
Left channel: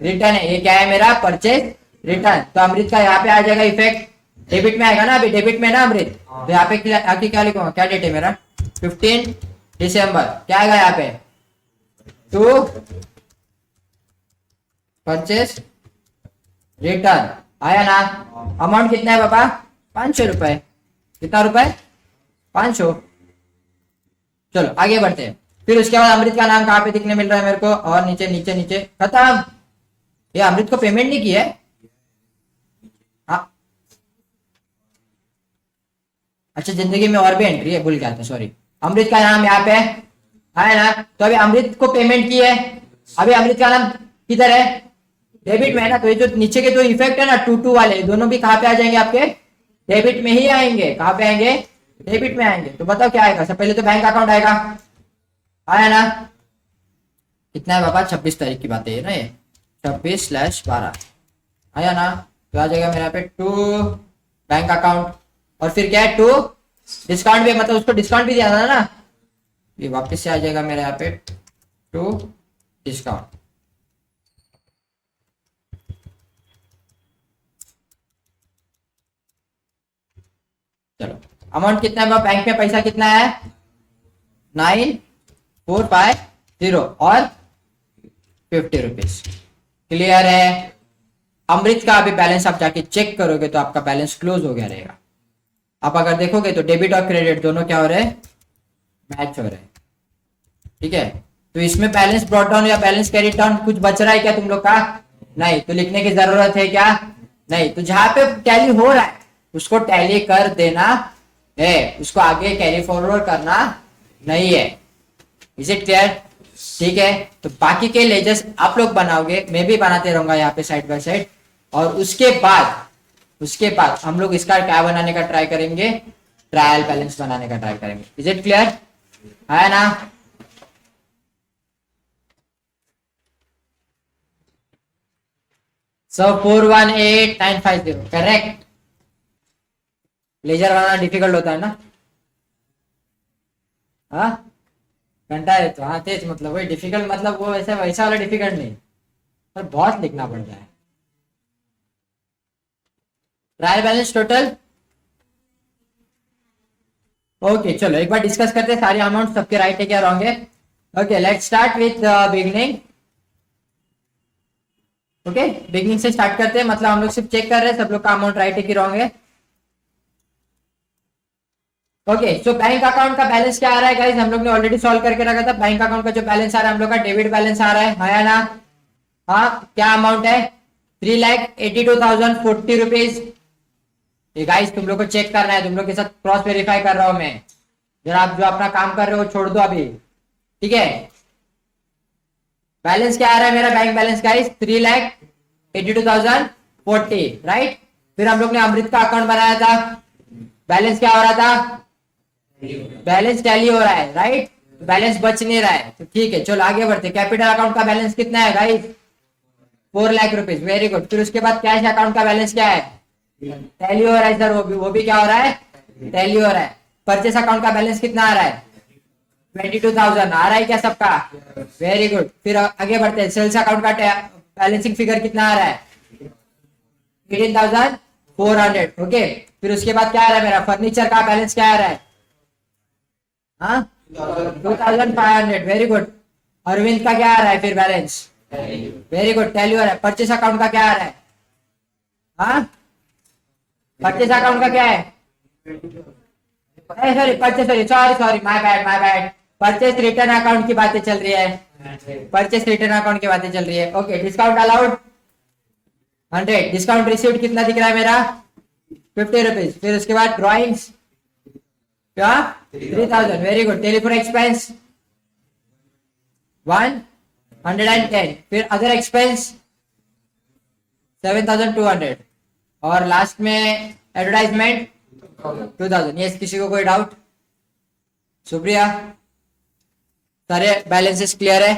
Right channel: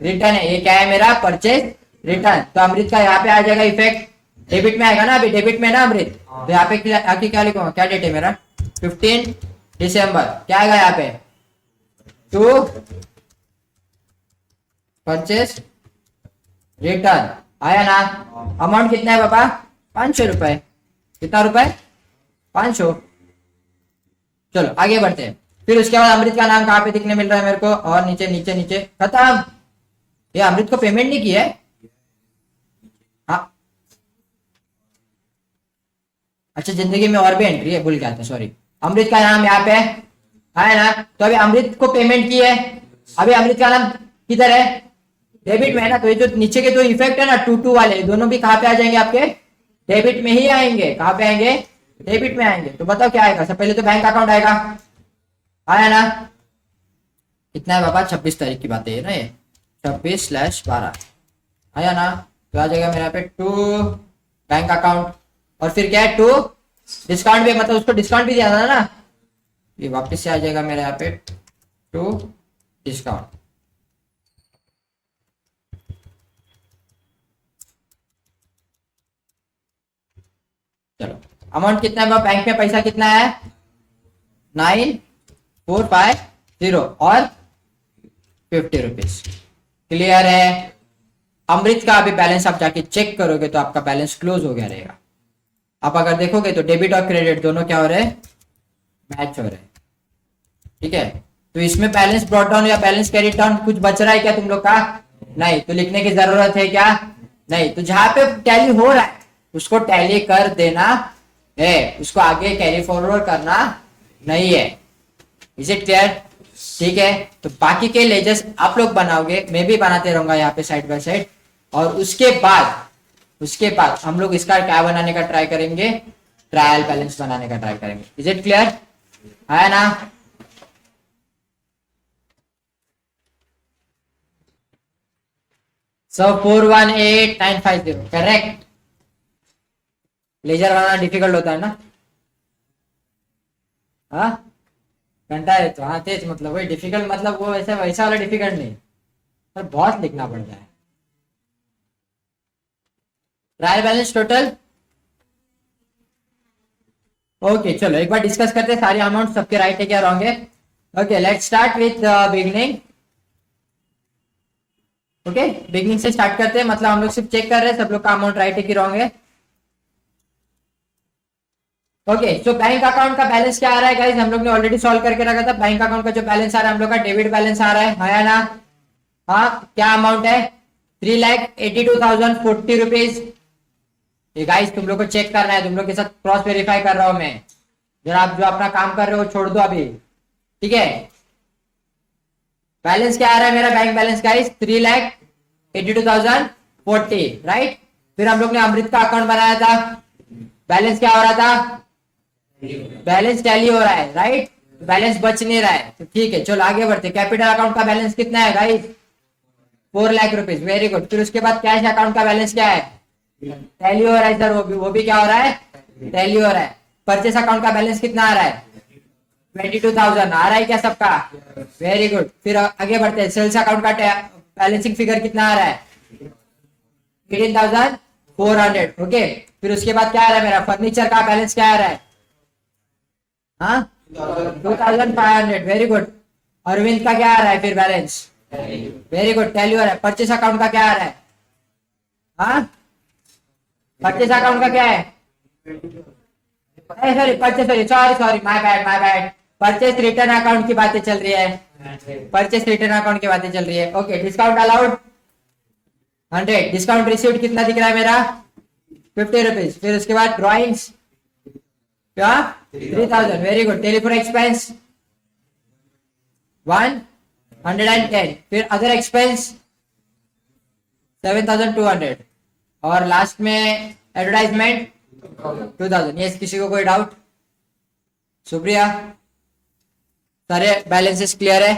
रिटर्न है। ये क्या है मेरा? Purchase return. तो अमृत का यहाँ पे आ जाएगा इफेक्ट, डेबिट में आएगा ना, अभी डेबिट में ना अमृत। तो यहाँ पे आके क्या लिखूंगा? क्या डेट है मेरा? 15 दिसंबर। क्या आएगा यहाँ पे? To purchase return. आया ना। अमाउंट कितना है बाबा? 500 रुपए। कितना रुपए? 500। चलो आगे बढ़ते हैं। फिर उसके बाद अमृत का नाम कहाँ पे दिखने मिल रहा है मेरे को? और नीचे नीचे नीचे खत्म। ये अमृत को पेमेंट नहीं की है। हाँ, अच्छा जिंदगी में और भी एंट्री है, भूल गया था, सॉरी। अमृत का नाम यहाँ पे है ना। तो अभी अमृत को पेमेंट की है। अभी अमृत का नाम किधर है? डेबिट में है ना। तो ये जो नीचे के जो इफेक्ट है ना, टू टू वाले, दोनों भी कहाँ पे आ जाएंगे आपके? डेबिट में ही आएंगे। कहाँ पे आएंगे? डेबिट में आएंगे। तो बताओ क्या आएगा? सबसे पहले तो बैंक अकाउंट आएगा। आया ना। कितना है बाबा? 26 तारीख की बात है ना ये, 26/12। आया ना। तो आ जाएगा मेरे यहाँ पे टू बैंक अकाउंट। और फिर क्या है? टू डिस्काउंट भी, मतलब उसको डिस्काउंट भी दिया था ना, ये वापस से आ जाएगा मेरे यहाँ पे टू डिस्काउंट। चलो अमाउंट कितना है? बैंक में पैसा कितना है? 9450 और 50 रुपीज। क्लियर है? अमृत का अभी बैलेंस आप जाके चेक करोगे तो आपका बैलेंस क्लोज हो गया रहेगा। आप अगर देखोगे तो डेबिट और क्रेडिट दोनों क्या हो रहे हैं? मैच हो रहे हैं। ठीक है, तो इसमें बैलेंस ब्रॉट डाउन या बैलेंस कैरी डाउन कुछ बच रहा है क्या तुम लोग का? नहीं। तो लिखने की जरूरत है क्या? नहीं। तो जहां पे टैली हो रहा है उसको टैली कर देना है, उसको आगे कैरी फॉरवर्ड करना नहीं है। Is it clear? ठीक है, तो बाकी के लेजर्स आप लोग बनाओगे, मैं भी बनाते रहूंगा यहाँ पे साइड बाय साइड। और उसके बाद हम लोग इसका क्या बनाने का ट्राई करेंगे? ट्रायल बैलेंस बनाने का ट्राई करेंगे। Is it clear? है ना। सो 418950 करेक्ट। लेजर बनाना डिफिकल्ट होता है ना? हाँ, घंटा है तो हाँ तेज, मतलब वही डिफिकल्ट, मतलब वो वैसा वैसा वाला डिफिकल्ट नहीं, पर बहुत लिखना पड़ता है। Trial balance total. ओके चलो एक बार डिस्कस करते हैं सारे अमाउंट सबके राइट है क्या रॉन्ग है। Okay let's start with beginning. Okay beginning से स्टार्ट करते हैं, मतलब हम लोग सिर्फ चेक कर रहे हैं सब लोग का अमाउंट राइट है कि रॉन्ग है। ओके सो बैंक अकाउंट का बैलेंस क्या आ रहा है गाइस? हम लोग ने ऑलरेडी सॉल्व करके रखा था। बैंक अकाउंट का जो बैलेंस आ रहा है हम लोग का डेबिट बैलेंस आ रहा है ना। हाँ क्या अमाउंट है? 3,82,040 रुपीज। ये गाइस तुम लोग को चेक करना है, तुम लोग के साथ क्रॉस वेरीफाई कर रहा हूं मैं। जरा आप जो अपना काम कर रहे हो छोड़ दो अभी, ठीक है। बैलेंस क्या आ रहा है मेरा बैंक बैलेंस गाइस? 3,82,040, राइट। फिर हम लोग ने अमृत का अकाउंट बनाया था, बैलेंस क्या हो रहा था? बैलेंस टैली हो रहा है, राइट। बैलेंस बच नहीं रहा है, तो ठीक है चलो आगे बढ़ते। कैपिटल अकाउंट का बैलेंस कितना है guys? 4 lakh rupees, very good. फिर उसके बाद कैश अकाउंट का बैलेंस क्या है? टैली हो रहा है सर, वो भी क्या हो रहा है? टैली हो रहा है। परचेस अकाउंट का बैलेंस कितना आ रहा है? 22,000 आ रहा है क्या सबका? Very good. फिर आगे बढ़ते हैं। सेल्स अकाउंट का बैलेंसिंग फिगर कितना आ रहा है? 18,400, ओके। फिर उसके बाद क्या आ रहा है मेरा? फर्नीचर का बैलेंस क्या आ रहा है? हाँ 2,500, वेरी गुड। अरविंद का क्या आ रहा है फिर बैलेंस? वेरी गुड, टैली हो रहा है। परचेस अकाउंट का क्या आ रहा है? हाँ परचेस अकाउंट का क्या है? Sorry purchase, sorry sorry my bad. Purchase return account की बातें चल रही है, परचेस रिटर्न अकाउंट की बातें चल रही है, okay. Discount allowed 100, discount received कितना दिख रहा है मेरा? 50 रुपीज। फिर उसके बाद ड्रॉइंग्स क्या? 3,000, वेरी गुड। Telephone expense 110। फिर अदर एक्सपेंस 7,200 और लास्ट में एडवर्टाइजमेंट 2,000। यस, किसी को कोई डाउट? सुप्रिया, सारे बैलेंसेस क्लियर है?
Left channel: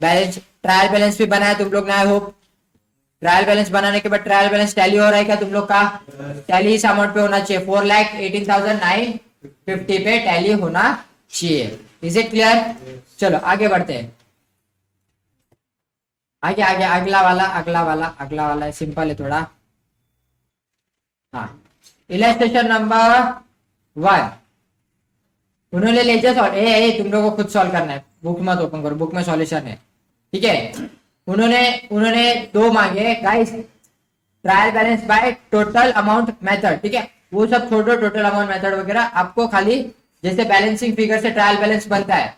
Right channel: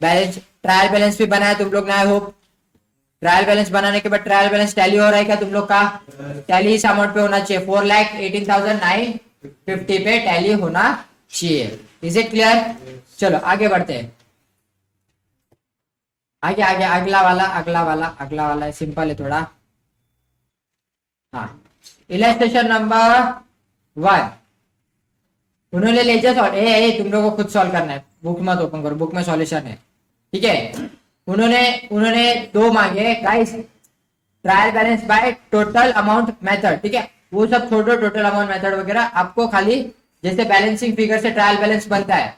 बैलेंस ट्रायल बैलेंस भी बनाया तुम लोग ने, आई होप। ट्रायल बैलेंस बनाने के बाद ट्रायल बैलेंस टैली हो रहा है क्या तुम लोग का? टैली इस अमाउंट पे होना चाहिए, 4,18,950 पे टैली होना चाहिए। Is it clear? चलो आगे बढ़ते हैं। आगे आगे अगला वाला सिंपल है थोड़ा। हाँ, इलस्ट्रेशन नंबर 1 उन्होंने ले तुम लोगों को खुद सॉल्व करना है, बुक मत ओपन करो, बुक में सॉल्यूशन है, ठीक है। उन्होंने 2 मांगे guys, trial balance by total amount method, ठीक है। वो सब छोड़ो, टोटल अमाउंट मेथड वगैरह आपको खाली जैसे बैलेंसिंग फिगर से ट्रायल बैलेंस बनता है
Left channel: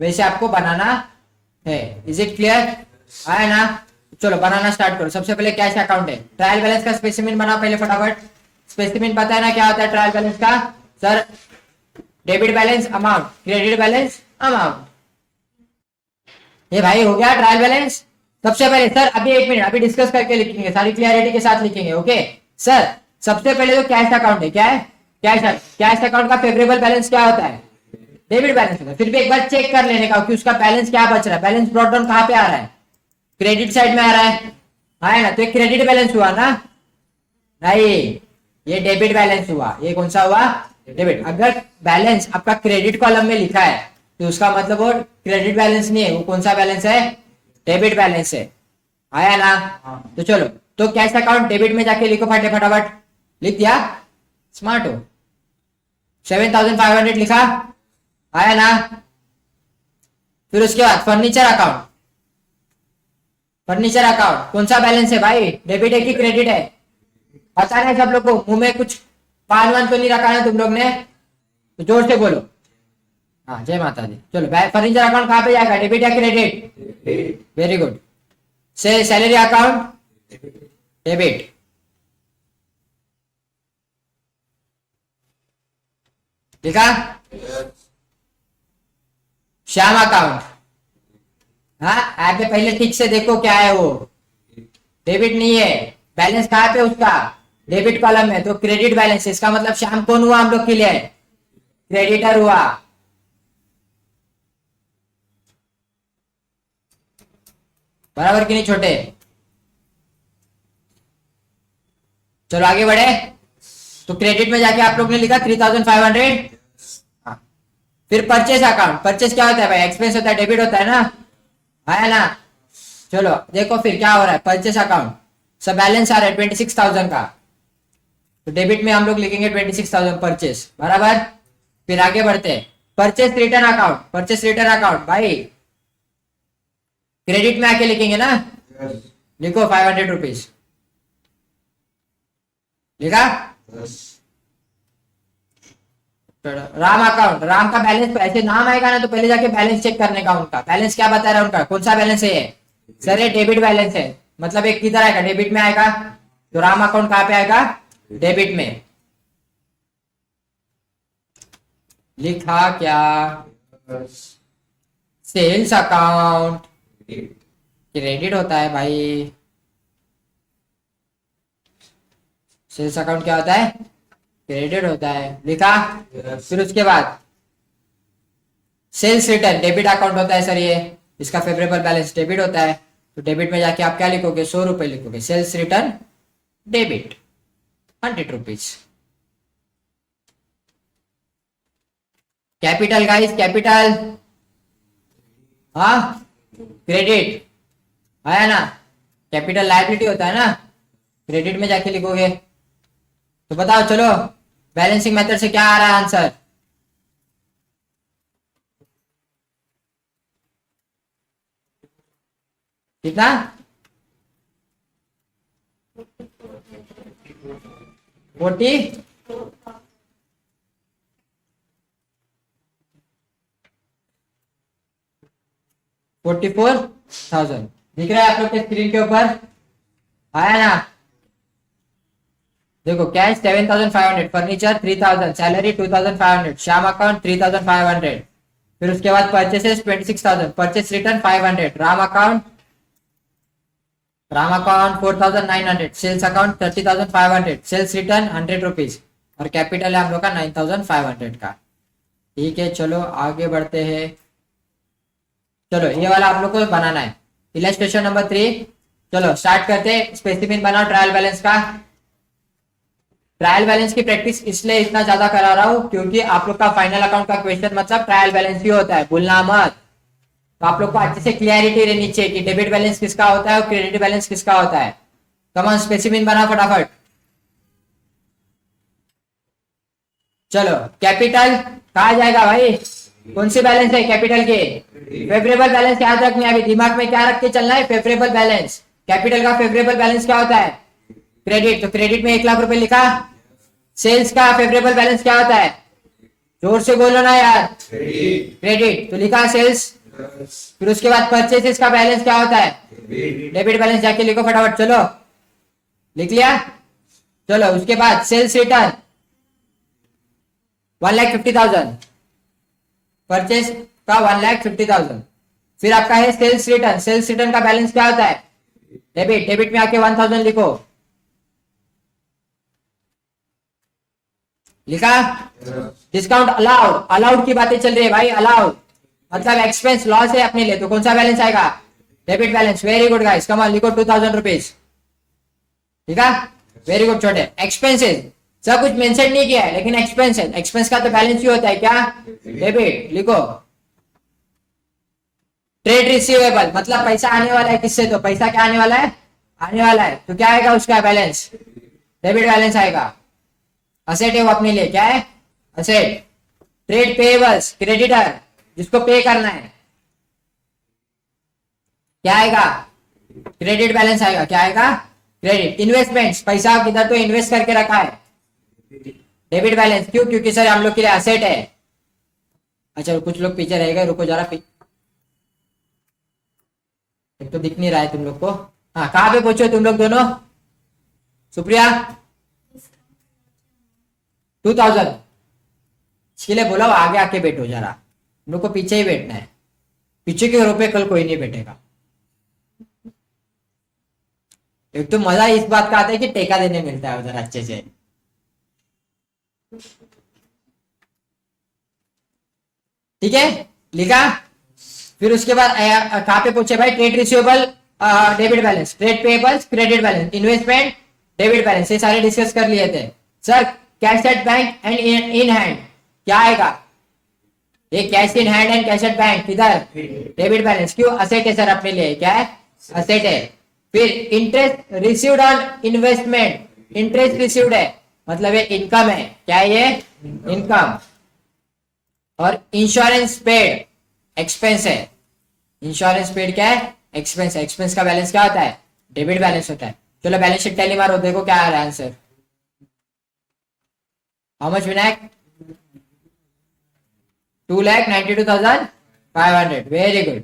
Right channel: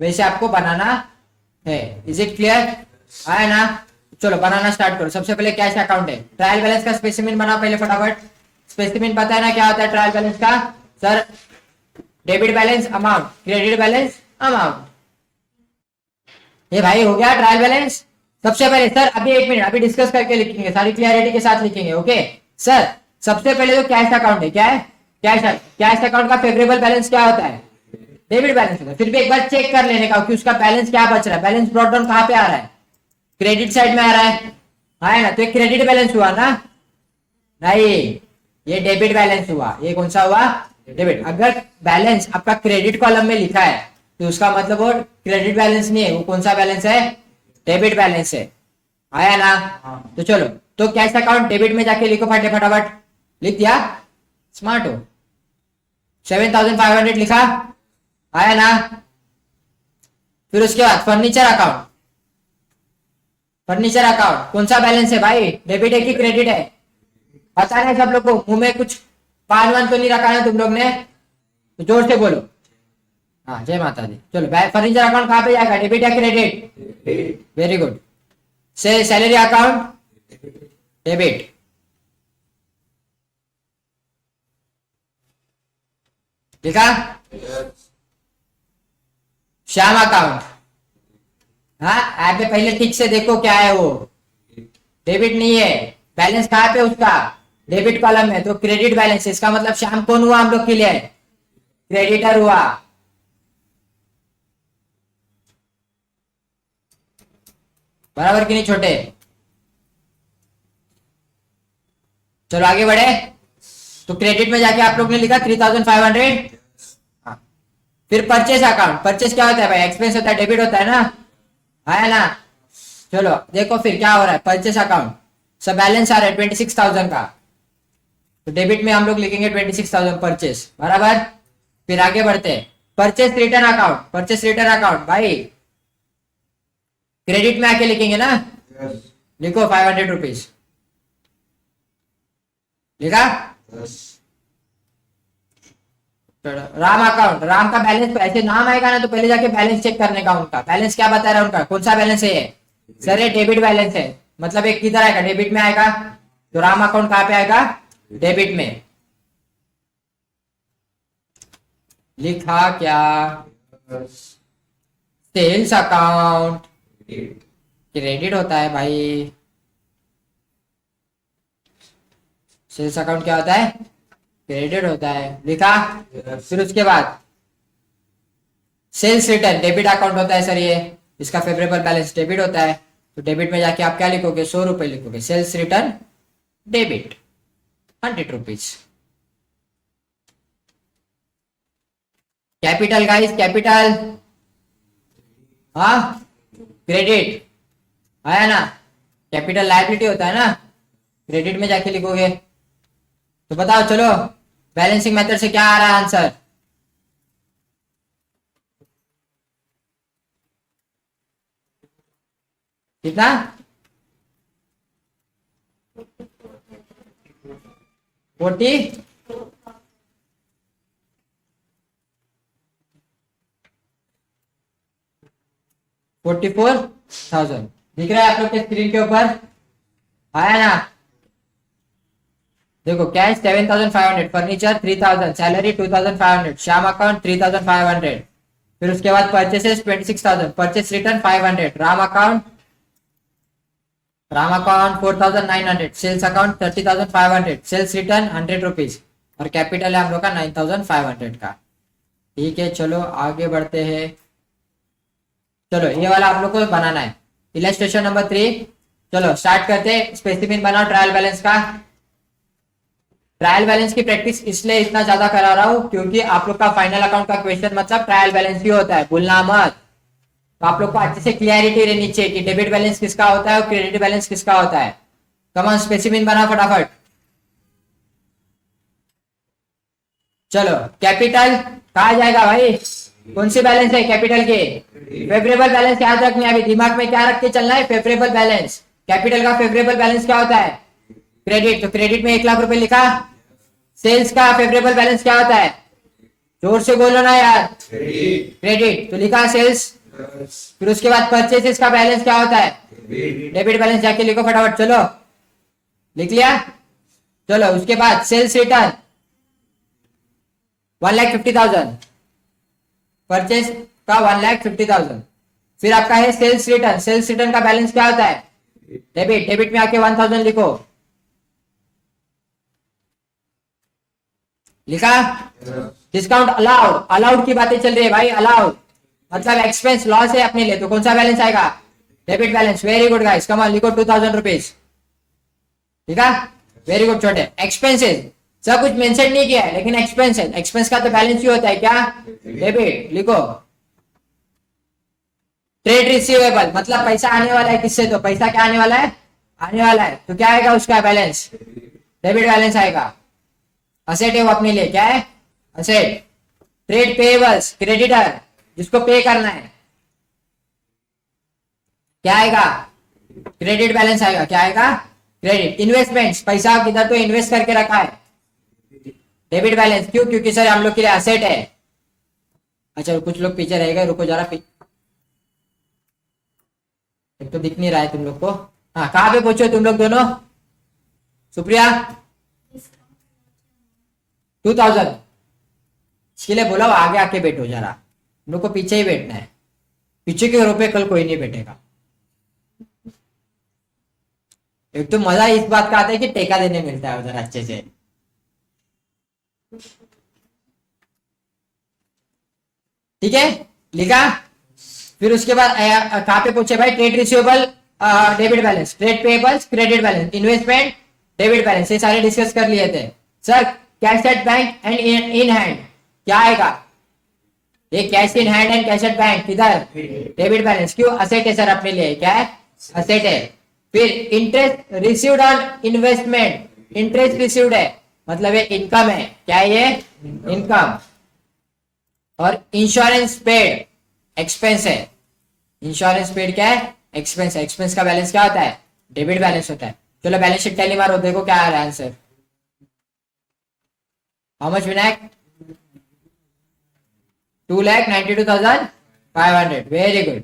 वैसे आपको बनाना है। Is it clear? आया ना? चलो बनाना स्टार्ट करो। सबसे पहले कैश अकाउंट है, ट्रायल बैलेंस का स्पेसिमेन बनाओ पहले फटाफट। स्पेसिमेन पता है ना क्या होता है ट्रायल बैलेंस का? Sir debit balance amount, credit balance amount. ये भाई हो गया ट्रायल बैलेंस। सबसे पहले सर अभी 1 मिनट, अभी डिस्कस करके लिखेंगे, सारी क्लियरिटी के साथ लिखेंगे, ओके सर। सबसे पहले तो कैश अकाउंट है, क्या है? कैश अकाउंट का फेवरेबल बैलेंस क्या होता है? डेबिट बैलेंस होता है। फिर भी एक बार चेक कर लेने का कि उसका बैलेंस क्या बच रहा है। बैलेंस ब्रॉट डाउन कहाँ पे आ रहा है? क्रेडिट साइड में आ रहा है, आएगा तो एक क्रेडिट बैलेंस हुआ ना? नहीं, ये डेबिट बैलेंस हुआ। ये कौन सा हुआ? डेबिट। अगर बैलेंस आपका क्रेडिट कॉलम में लिखा है तो उसका मतलब वो क्रेडिट बैलेंस नहीं है, वो कौन सा बैलेंस है? डेबिट बैलेंस है। आया ना? तो चलो, तो कैश अकाउंट डेबिट में जाके लिखो फटाफट। लिख दिया? स्मार्ट हो। 7,500 लिखा? आया ना? फिर उसके बाद फर्नीचर अकाउंट कौन सा बैलेंस है भाई? डेबिट है कि क्रेडिट है? पता नहीं सब लोग को, मुंह में कुछ पान वान तो नहीं रखा है तुम लोग ने? तो जोर से बोलो। हाँ जय माता दी। चलो फर्नीचर अकाउंट कहाँ पे जाएगा? डेबिट या क्रेडिट? Very good. से सैलरी अकाउंट डेबिट, ठीक है। श्याम अकाउंट, हाँ आप पहले ठीक से देखो क्या है वो, डेबिट नहीं है। बैलेंस कहाँ पे उसका? डेबिट कॉलम में, तो क्रेडिट बैलेंस। इसका मतलब श्याम कौन हुआ हम लोग के लिए? क्रेडिटर हुआ। बराबर कि नहीं छोटे? चलो आगे बढ़े। तो क्रेडिट में जाके आप लोग ने लिखा 3,500। फिर परचेस अकाउंट, परचेस क्या होता है भाई? एक्सपेंस होता है, डेबिट होता है ना? आया ना? चलो देखो फिर क्या हो रहा है। परचेस अकाउंट सब बैलेंस आ रहा है 26,000 का, तो डेबिट में हम लोग लिखेंगे 26,000 परचेस, बराबर। फिर आगे बढ़ते हैं। परचेस रिटर्न अकाउंट भाई क्रेडिट में आके लिखेंगे ना? लिखो 500 रुपीज, लिखा? राम अकाउंट, राम का बैलेंस ऐसे नाम आएगा ना तो पहले जाके बैलेंस चेक करने का। उनका बैलेंस क्या बता रहा है? उनका कौन सा बैलेंस है ये? सर ये डेबिट बैलेंस है, मतलब एक किधर आएगा? डेबिट में आएगा। तो राम अकाउंट कहाँ पे आएगा? डेबिट में लिखा क्या? सेल्स अकाउंट क्रेडिट होता है भाई। सेल्स अकाउंट क्या होता है? क्रेडिट होता है। लिखा? फिर उसके बाद सेल्स रिटर्न डेबिट अकाउंट होता है सर ये, इसका फेवरेबल बैलेंस डेबिट होता है। तो डेबिट में जाके आप क्या लिखोगे? 100 रुपए लिखोगे। Sales return debit 100 rupees. Capital guys, capital. हाँ, क्रेडिट आया ना? कैपिटल लायबिलिटी होता है ना, क्रेडिट में जाके लिखोगे। तो बताओ चलो, बैलेंसिंग मेथड से क्या आ रहा है आंसर? कितना? 40 44,000 दिख रहा है आप लोग के स्क्रीन के ऊपर? आया ना? देखो, cash 7,500, furniture 3,000, salary 2,500, Shyam account 3,500, फिर उसके बाद purchases 26,000, purchase return 500, Ram account 4,900, sales account 30,500, sales return 100 rupees, और कैपिटल है हम लोग का 9,500 का। ठीक है, चलो आगे बढ़ते हैं। चलो ये वाला आप लोग को बनाना है, इलस्ट्रेशन नंबर 3। चलो स्टार्ट करते हैं। स्पेसिफिक बनाओ ट्रायल बैलेंस का। ट्रायल बैलेंस की प्रैक्टिस इसलिए इतना ज्यादा करा रहा हूँ क्योंकि आप लोग का फाइनल अकाउंट का क्वेश्चन मतलब ट्रायल बैलेंस ही होता है, भूलना मत। तो आप लोग को अच्छे से क्लियरिटी रहनी चाहिए कि डेबिट बैलेंस किसका होता है और क्रेडिट बैलेंस किसका होता है। कमान स्पेसिफिक बनाओ फटाफट। चलो, कैपिटल कहा जाएगा भाई? कौन से बैलेंस है कैपिटल के? फेवरेबल बैलेंस याद रखना है, अभी दिमाग में क्या रख के चलना है? Favourable balance. कैपिटल का फेवरेबल बैलेंस क्या होता है? क्रेडिट। तो क्रेडिट में 1,00,000 रुपए लिखा। सेल्स का फेवरेबल बैलेंस क्या होता है? जोर से बोलो ना यार। क्रेडिट। तो लिखा सेल्स। फिर उसके बाद परचेसेस का बैलेंस क्या होता है? डेबिट बैलेंस, जाके लिखो फटाफट। चलो लिख लिया? चलो उसके बाद सेल्स रिटर्न 1,50,000, परचेस का 1,50,000। फिर आपका है सेल्स रिटर्न। सेल्स रिटर्न का बैलेंस क्या होता है? डेबिट। डेबिट में आके 1,000 लिखो। लिखा? Discount allowed. अलाउड की बातें चल रही है भाई, अलाउड मतलब एक्सपेंस लॉस है अपने लिए, तो कौन सा बैलेंस आएगा? Debit balance. Very good guys, come on लिखो 2,000 रुपीज। ठीक है, वेरी गुड। छोटे एक्सपेंसेस सब कुछ मेंशन नहीं किया है, लेकिन एक्सपेंसेस, एक्सपेंस का तो बैलेंस ही होता है क्या? डेबिट लिखो। ट्रेड रिसीवेबल मतलब पैसा आने वाला है किससे? तो पैसा क्या आने वाला है? आने वाला है, तो क्या आएगा उसका बैलेंस? डेबिट बैलेंस आएगा। असेट है वो अपने लिए, क्या है? असेट। ट्रेड पेएबल्स क्रेडिटर, जिसको पे करना है, क्या आएगा? क्रेडिट बैलेंस आएगा। क्या आएगा? क्रेडिट। इन्वेस्टमेंट्स, पैसा किधर तो इन्वेस्ट करके रखा है, डेबिट बैलेंस। क्यों? क्योंकि सर हम लोग के लिए असेट है। अच्छा कुछ लोग पीछे रह गए, रुको जरा। एक तो दिख नहीं रहा है तुम लोग को। हाँ, कहाँ पे पूछो तुम लोग दोनों? सुप्रिया 2,000। इसके लिए बोला आगे आके बैठो जरा, तुम लोग को पीछे ही बैठना है। पीछे के रुपए कल कोई नहीं बैठेगा। एक तो मजा इस बात का आता है कि टेका देने मिलता है उधर अच्छे से। ठीक है, लिखा? फिर उसके बाद कहाँ पे पूछे भाई? Trade receivable debit balance, trade payables credit balance, investment debit balance, ये सारे डिस्कस कर लिए थे sir. Cash at bank and in hand क्या आएगा? ये cash in hand and cash at bank किधर? Debit balance. क्यों? असेट है सर अपने लिए, क्या है? असेट है। फिर interest received on investment, interest received है मतलब ये इनकम है, क्या है ये? इनकम। और इंश्योरेंस पेड एक्सपेंस है। इंश्योरेंस पेड क्या है? एक्सपेंस है। एक्सपेंस का बैलेंस क्या होता है? डेबिट बैलेंस होता है। चलो बैलेंस शीट टैली मारो, देखो क्या आ रहा है answer. How much Vinayak? 2,92,500। Very good.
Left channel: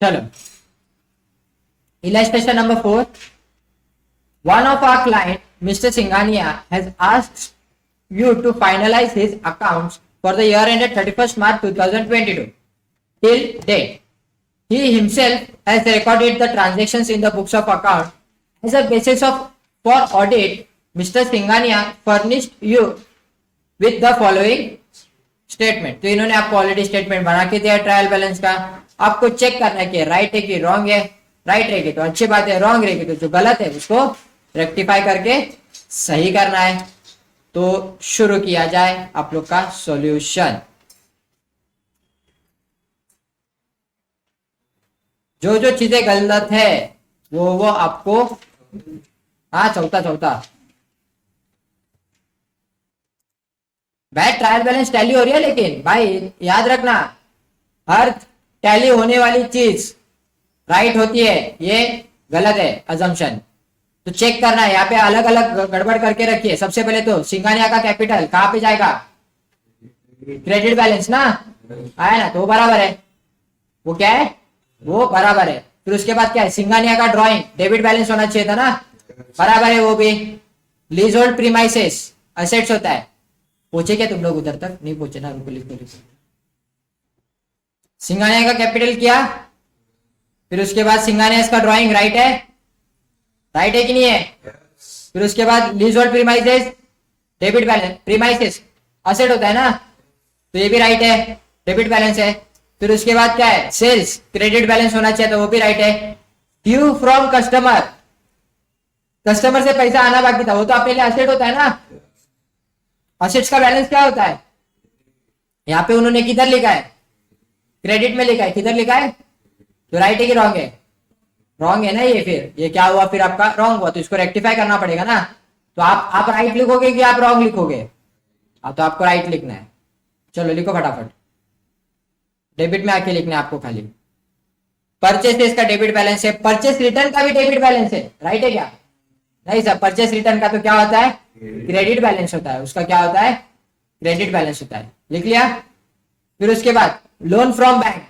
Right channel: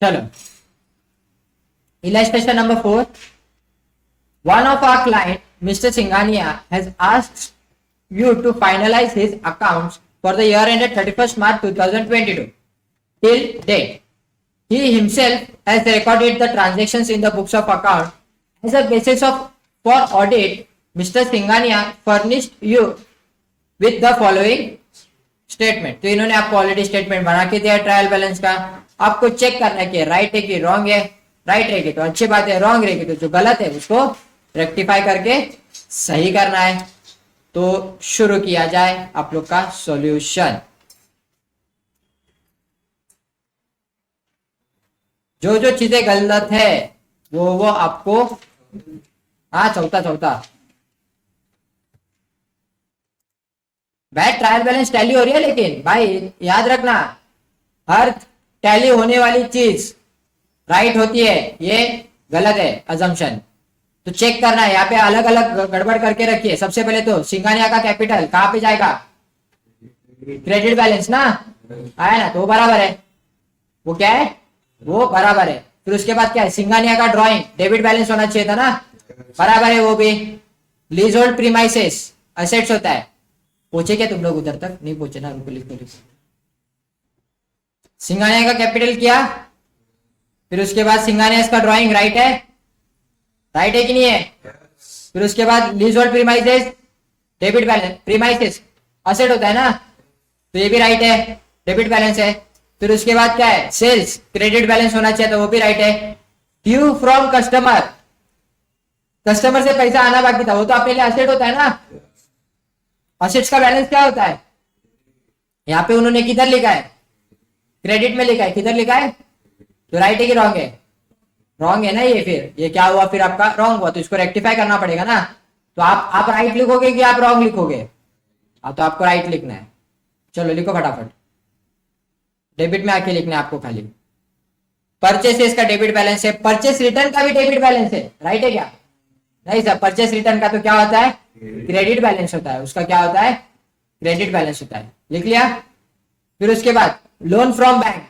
चलो, illustration number 4. One of our client, Mr. Singhania, has asked you to finalize his accounts for the year ended 31st March 2022 till date. He himself has recorded the transactions in the books of account. As a basis for audit, Mr. Singhania furnished you with the following statement. तो इन्होंने आपको ऑलरेडी स्टेटमेंट बना के दिया ट्रायल बैलेंस का. आपको चेक करना है कि राइट है कि रॉन्ग है. राइट रहेगी तो अच्छी बात है, रॉन्ग रहेगी तो जो गलत है उसको रेक्टिफाई करके सही करना है. तो शुरू किया जाए आप लोग का सॉल्यूशन. जो जो चीजें गलत है वो आपको, हाँ चौथा भाई ट्रायल बैलेंस टैली हो रही है, लेकिन भाई याद रखना हर टैली होने वाली चीज राइट होती है, ये गलत है अजम्पशन. तो चेक करना है, यहाँ पे अलग अलग गड़बड़ करके रखिए. सबसे पहले तो सिंघानिया का कैपिटल कहाँ पे जाएगा, क्रेडिट बैलेंस ना आया ना, तो वो बराबर है. वो क्या है, वो बराबर है. फिर उसके बाद क्या है, सिंघानिया का ड्राइंग डेबिट बैलेंस होना चाहिए था ना, बराबर है वो भी. लीज होल्ड प्रीमाइसेस असेट्स होता है. पहुंचे क्या तुम लोग उधर तक, नहीं पहुंचे ना, रुको लिख दो. सिंघानिया का कैपिटल किया, फिर उसके बाद सिंघानिया का ड्राइंग राइट है, राइट है कि नहीं है. फिर उसके बाद lease hold premises debit balance, premises asset होता है ना, तो ये भी राइट है, डेबिट बैलेंस है. फिर उसके बाद क्या है, सेल्स क्रेडिट बैलेंस होना चाहिए, तो वो भी राइट है. ड्यू फ्रॉम कस्टमर, कस्टमर से पैसा आना बाकी था, वो तो आपके लिए असेट होता है ना. असेट्स का बैलेंस क्या होता है, यहाँ पे उन्होंने किधर लिखा है, क्रेडिट में लिखा है, किधर लिखा है, तो राइट है कि रॉन्ग है, रॉन्ग है ना ये. फिर ये क्या हुआ, फिर आपका रॉन्ग हुआ, तो इसको रेक्टिफाई करना पड़ेगा ना. तो आप राइट लिखोगे कि आप रॉन्ग लिखोगे, तो आपको राइट लिखना है. चलो लिखो फटाफट, डेबिट में आके लिखना है आपको खाली. परचेसेस का डेबिट बैलेंस है, परचेस रिटर्न का भी डेबिट बैलेंस है, राइट है क्या, नहीं सर. परचेस रिटर्न का तो क्या होता है, क्रेडिट बैलेंस होता है, उसका क्या होता है, क्रेडिट बैलेंस होता है. लिख लिया. फिर उसके बाद loan from bank,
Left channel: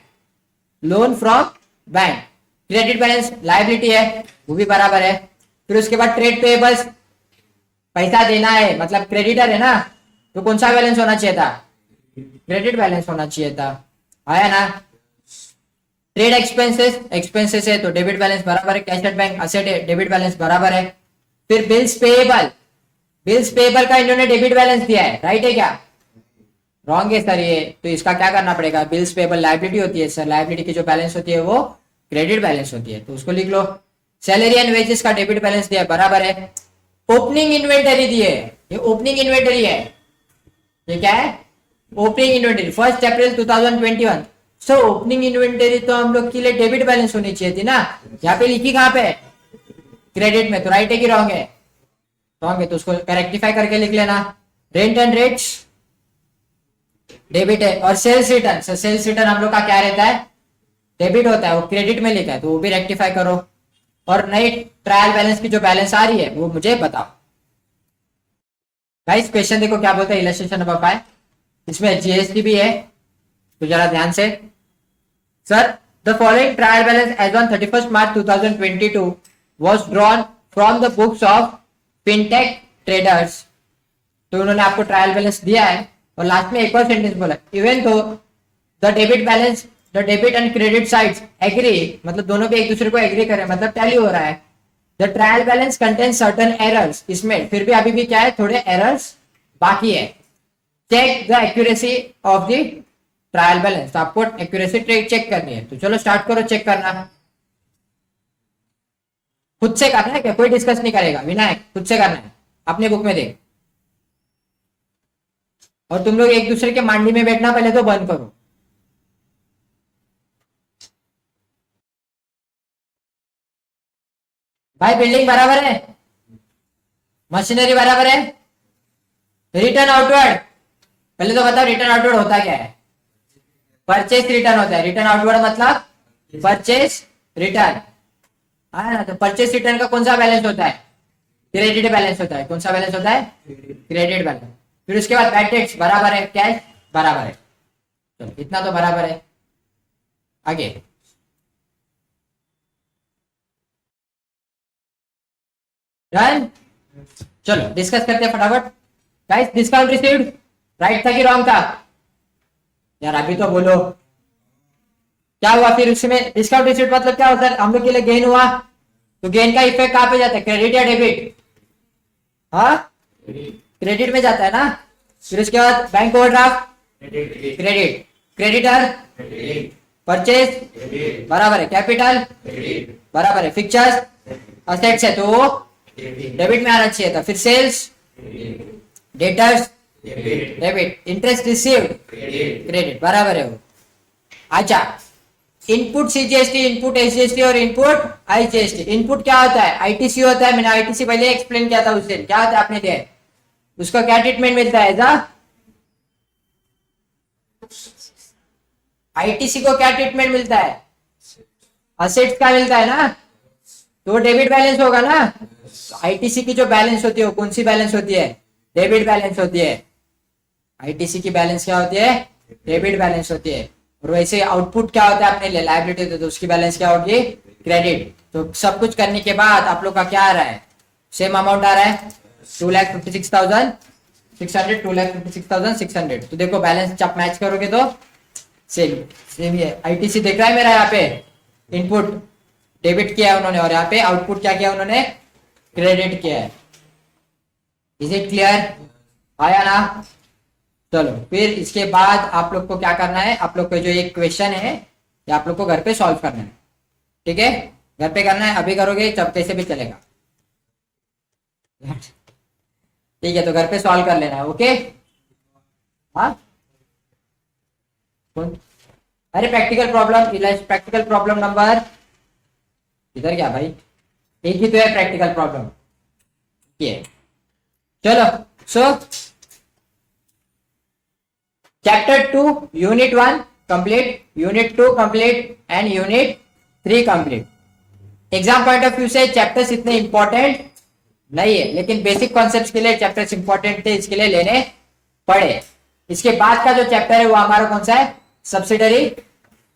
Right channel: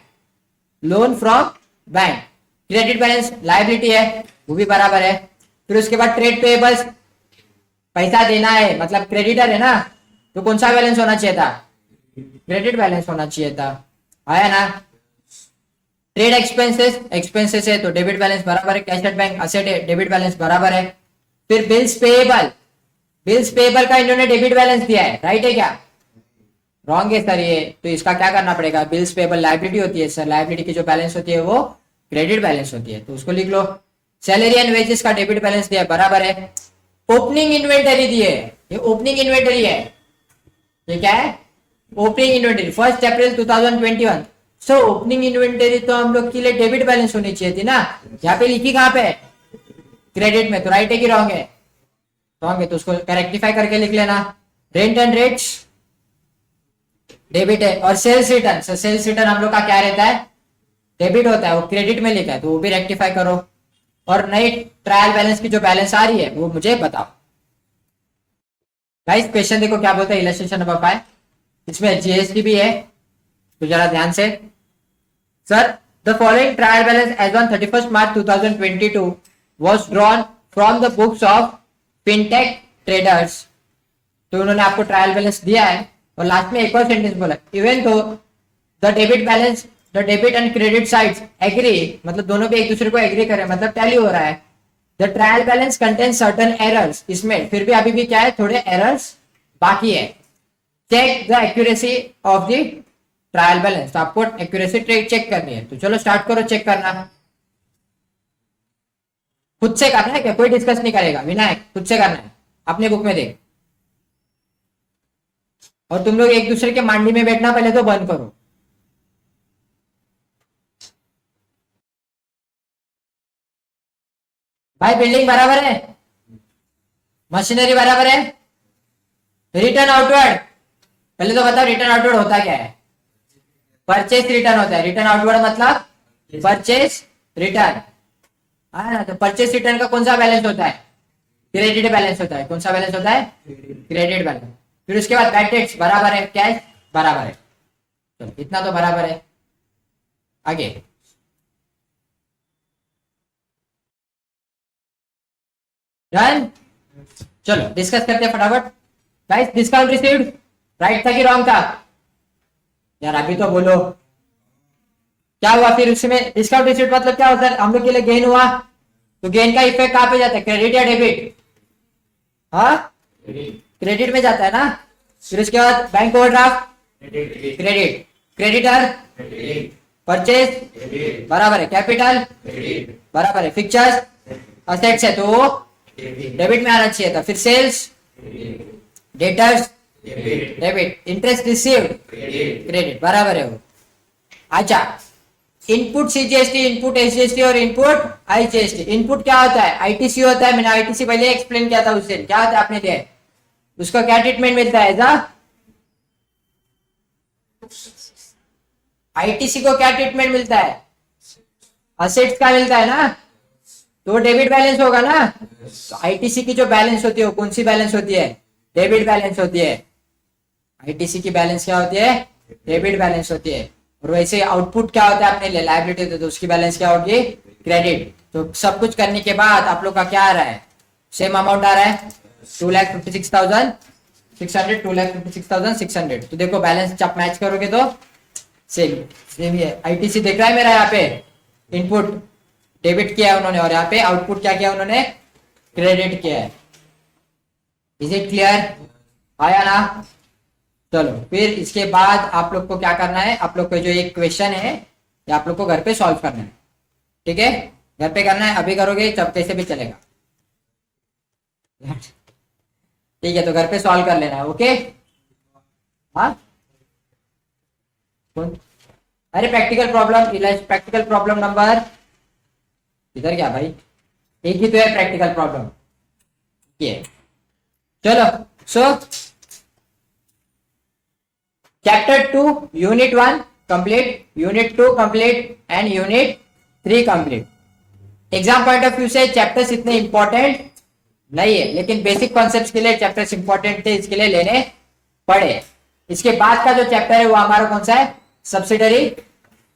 loan from bank credit balance liability है, वो भी बराबर है. फिर उसके बाद ट्रेड पेएबल्स, पैसा देना है मतलब क्रेडिटर है ना, तो कौन सा बैलेंस होना चाहिए था, क्रेडिट बैलेंस होना चाहिए था, आया ना. ट्रेड एक्सपेंसेस, एक्सपेंसेस है तो डेबिट बैलेंस बराबर है. कैश एट बैंक असेट है, डेबिट बैलेंस बराबर है. फिर बिल्स पेएबल, बिल्स पेएबल का इन्होंने डेबिट बैलेंस दिया है, राइट है क्या, रॉन्ग है सर ये. तो इसका क्या करना पड़ेगा, बिल्स पेएबल लायबिलिटी होती है सर, लायबिलिटी की जो बैलेंस होती है वो क्रेडिट बैलेंस होती है, तो उसको लिख लो. सैलरी एंड वेजेस का डेबिट बैलेंस दिया है, बराबर है. ओपनिंग इन्वेंटरी दी है, ये ओपनिंग इन्वेंटरी है, ये क्या है, ओपनिंग इन्वेंटरी 1 अप्रैल 2021. सो ओपनिंग इन्वेंटरी तो हम लोग के लिए डेबिट बैलेंस होनी चाहिए थी ना, यहाँ पे लिखी कहाँ पे, क्रेडिट में, तो राइट है कि रॉन्ग है, रॉन्ग है, तो उसको रेक्टिफाई करके लिख लेना. रेंट एंड रेट्स डेबिट है. और सेल्स रिटर्न, सेल्स रिटर्न हम लोग का क्या रहता है, डेबिट होता है, वो क्रेडिट में लिखा है, तो वो भी रेक्टिफाई करो. और नई ट्रायल बैलेंस की जो बैलेंस आ रही है वो मुझे बताओ. गाइस क्वेश्चन देखो क्या बोलते हैं, इलस्ट्रेशन नंबर 5, इसमें जीएसटी भी है, तो जरा ध्यान से. Sir the following trial balance as on 31st March 2022 was drawn from the books of fintech traders. तो उन्होंने आपको ट्रायल बैलेंस दिया है, और लास्ट में एक और सेंटेंस बोला, even though the debit balance, the debit and credit sides agree, मतलब दोनों पे एक दूसरे को एग्री करें, मतलब टैली हो रहा है. The trial balance contain certain errors, इसमें फिर भी अभी भी क्या है, थोड़े एरर्स बाकी है. Check the accuracy of the trial balance, तो आपको एक्यूरेसी चेक करनी है. तो चलो स्टार्ट करो चेक करना. खुद से करना है क्या, कोई डिस्कस नहीं करेगा, विनायक खुद से करना है, अपने बुक में देख. और तुम लोग एक दूसरे के मांडी में बैठना पहले तो बंद करो. भाई बिल्डिंग बराबर है, मशीनरी बराबर है. रिटर्न आउटवर्ड, पहले तो बताओ रिटर्न आउटवर्ड होता क्या है, परचेस रिटर्न होता है. रिटर्न आउटवर्ड मतलब परचेस रिटर्न, हाँ. तो परचेस रिटर्न का कौन सा बैलेंस होता है, क्रेडिट बैलेंस होता है. कौन सा बैलेंस होता है, क्रेडिट बैलेंस. फिर उसके बाद बैड डेट्स बराबर है, कैश बराबर है, तो इतना तो बराबर है. आगे डन। चलो डिस्कस करते हैं फटाफट। गाइस डिस्काउंट रिसीव्ड राइट था कि रॉन्ग था? यार अभी तो बोलो क्या हुआ फिर उसमें। डिस्काउंट रिसीव्ड मतलब क्या होता है? हम लोग के लिए गेन हुआ, तो गेन का इफेक्ट कहाँ पे जाता है? क्रेडिट या डेबिट? हाँ क्रेडिट में जाता है ना। फिर उसके बाद bank overdraft credit, creditor purchase बराबर है कैपिटल बराबर है फिक्चर्स असेट्स है तो डेबिट में आना चाहिए था। फिर sales debtors debit, interest received credit बराबर है वो। अच्छा इनपुट सीजीएसटी, इनपुट एसजीएसटी और इनपुट आईजीएसटी। इनपुट क्या होता है? आईटीसी होता है। मैंने आईटीसी पहले एक्सप्लेन किया था उस दिन। क्या होता है आपने दिया, उसका क्या ट्रीटमेंट मिलता है? एज आईटीसी को क्या ट्रीटमेंट मिलता है? असेट्स का मिलता है ना, तो डेबिट बैलेंस होगा ना। तो आईटीसी की जो बैलेंस होती है वो कौन सी बैलेंस होती है? डेबिट बैलेंस होती है। आईटीसी की बैलेंस क्या होती है? डेबिट बैलेंस होती है। और वैसे आउटपुट क्या होता है अपने लिए? लायबिलिटी होती है, तो उसकी बैलेंस क्या होगी? क्रेडिट। तो सब कुछ करने के बाद आप लोग का क्या आ रहा है? सेम अमाउंट आ रहा है 2,56,600, 2,56,600। तो देखो बैलेंस जब मैच करोगे तो सेम सेम ही है। आईटीसी देख रहा है मेरा यहाँ पे इनपुट डेबिट किया है उन्होंने, और यहाँ पे आउटपुट क्या किया उन्होंने? क्रेडिट किया है। Is it clear? आया ना? चलो फिर इसके बाद आप लोग को क्या करना है? आप लोग को जो एक क्वेश्चन है ये आप लोग को घर पे सॉल्व करना है, ठीक है? घर पे करना है, अभी करोगे तब कैसे भी चलेगा, ठीक है? तो घर पे सॉल्व कर लेना, ओके? हाँ अरे प्रैक्टिकल प्रॉब्लम नंबर इधर क्या भाई, एक ही तो है प्रैक्टिकल प्रॉब्लम ये। चलो सो chapter 2 unit 1 complete, unit 2 complete and unit 3 complete. Exam point of view से चैप्टर्स इतने इंपॉर्टेंट नहीं है, लेकिन बेसिक कॉन्सेप्ट्स के लिए चैप्टर्स इंपॉर्टेंट थे, इसके लिए लेने पड़े। इसके बाद का जो चैप्टर है वो हमारा कौन सा है? Subsidiary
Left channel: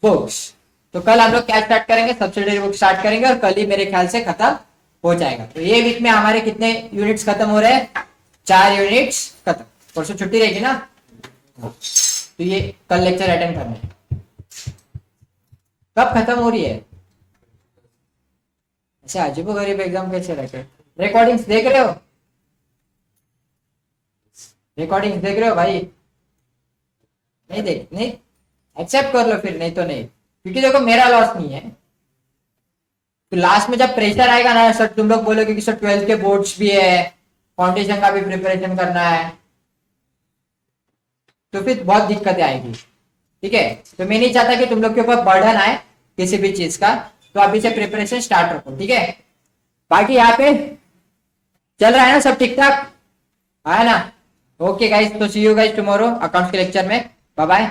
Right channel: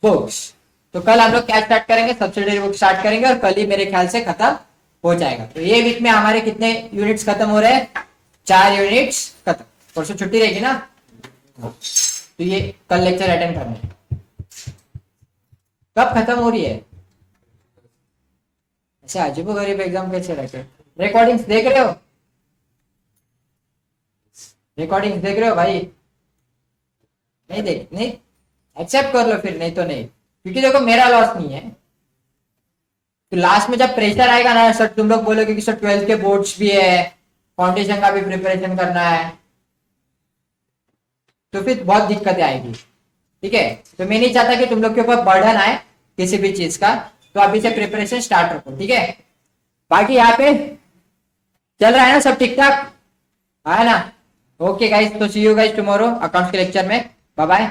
books. तो कल हम लोग क्या स्टार्ट करेंगे? सब्सिडरी बुक स्टार्ट करेंगे, और कल ही मेरे ख्याल से खत्म हो जाएगा। तो ये वीक में हमारे कितने यूनिट्स खत्म हो रहे हैं? 4 यूनिट्स खत्म। परसों छुट्टी रहेगी ना, तो ये कल लेक्चर अटेंड करना है। कब खत्म हो रही है? ऐसे अजीबो गरीब एग्जाम कैसे रहते हैं? रिकॉर्डिंग्स देख रहे हो? रिकॉर्डिंग्स देख रहे हो भाई? नहीं देख, नहीं एक्सेप्ट कर लो फिर, नहीं तो नहीं, क्योंकि देखो मेरा लॉस नहीं है। तो लास्ट में जब प्रेशर आएगा ना सर, तुम लोग बोलोगे कि सर 12th के बोर्ड्स भी है, फाउंडेशन का भी प्रिपरेशन करना है, तो फिर बहुत दिक्कतें आएगी, ठीक है? तो मैं नहीं चाहता कि तुम लोग के ऊपर बर्डन आए किसी भी चीज का, तो अभी से प्रिपरेशन स्टार्ट रखो, ठीक है? बाकी यहाँ पे चल रहा है ना सब ठीक ठाक? है ना? ओके गाइस, तो see you guys tomorrow accounts के लेक्चर में। Bye bye.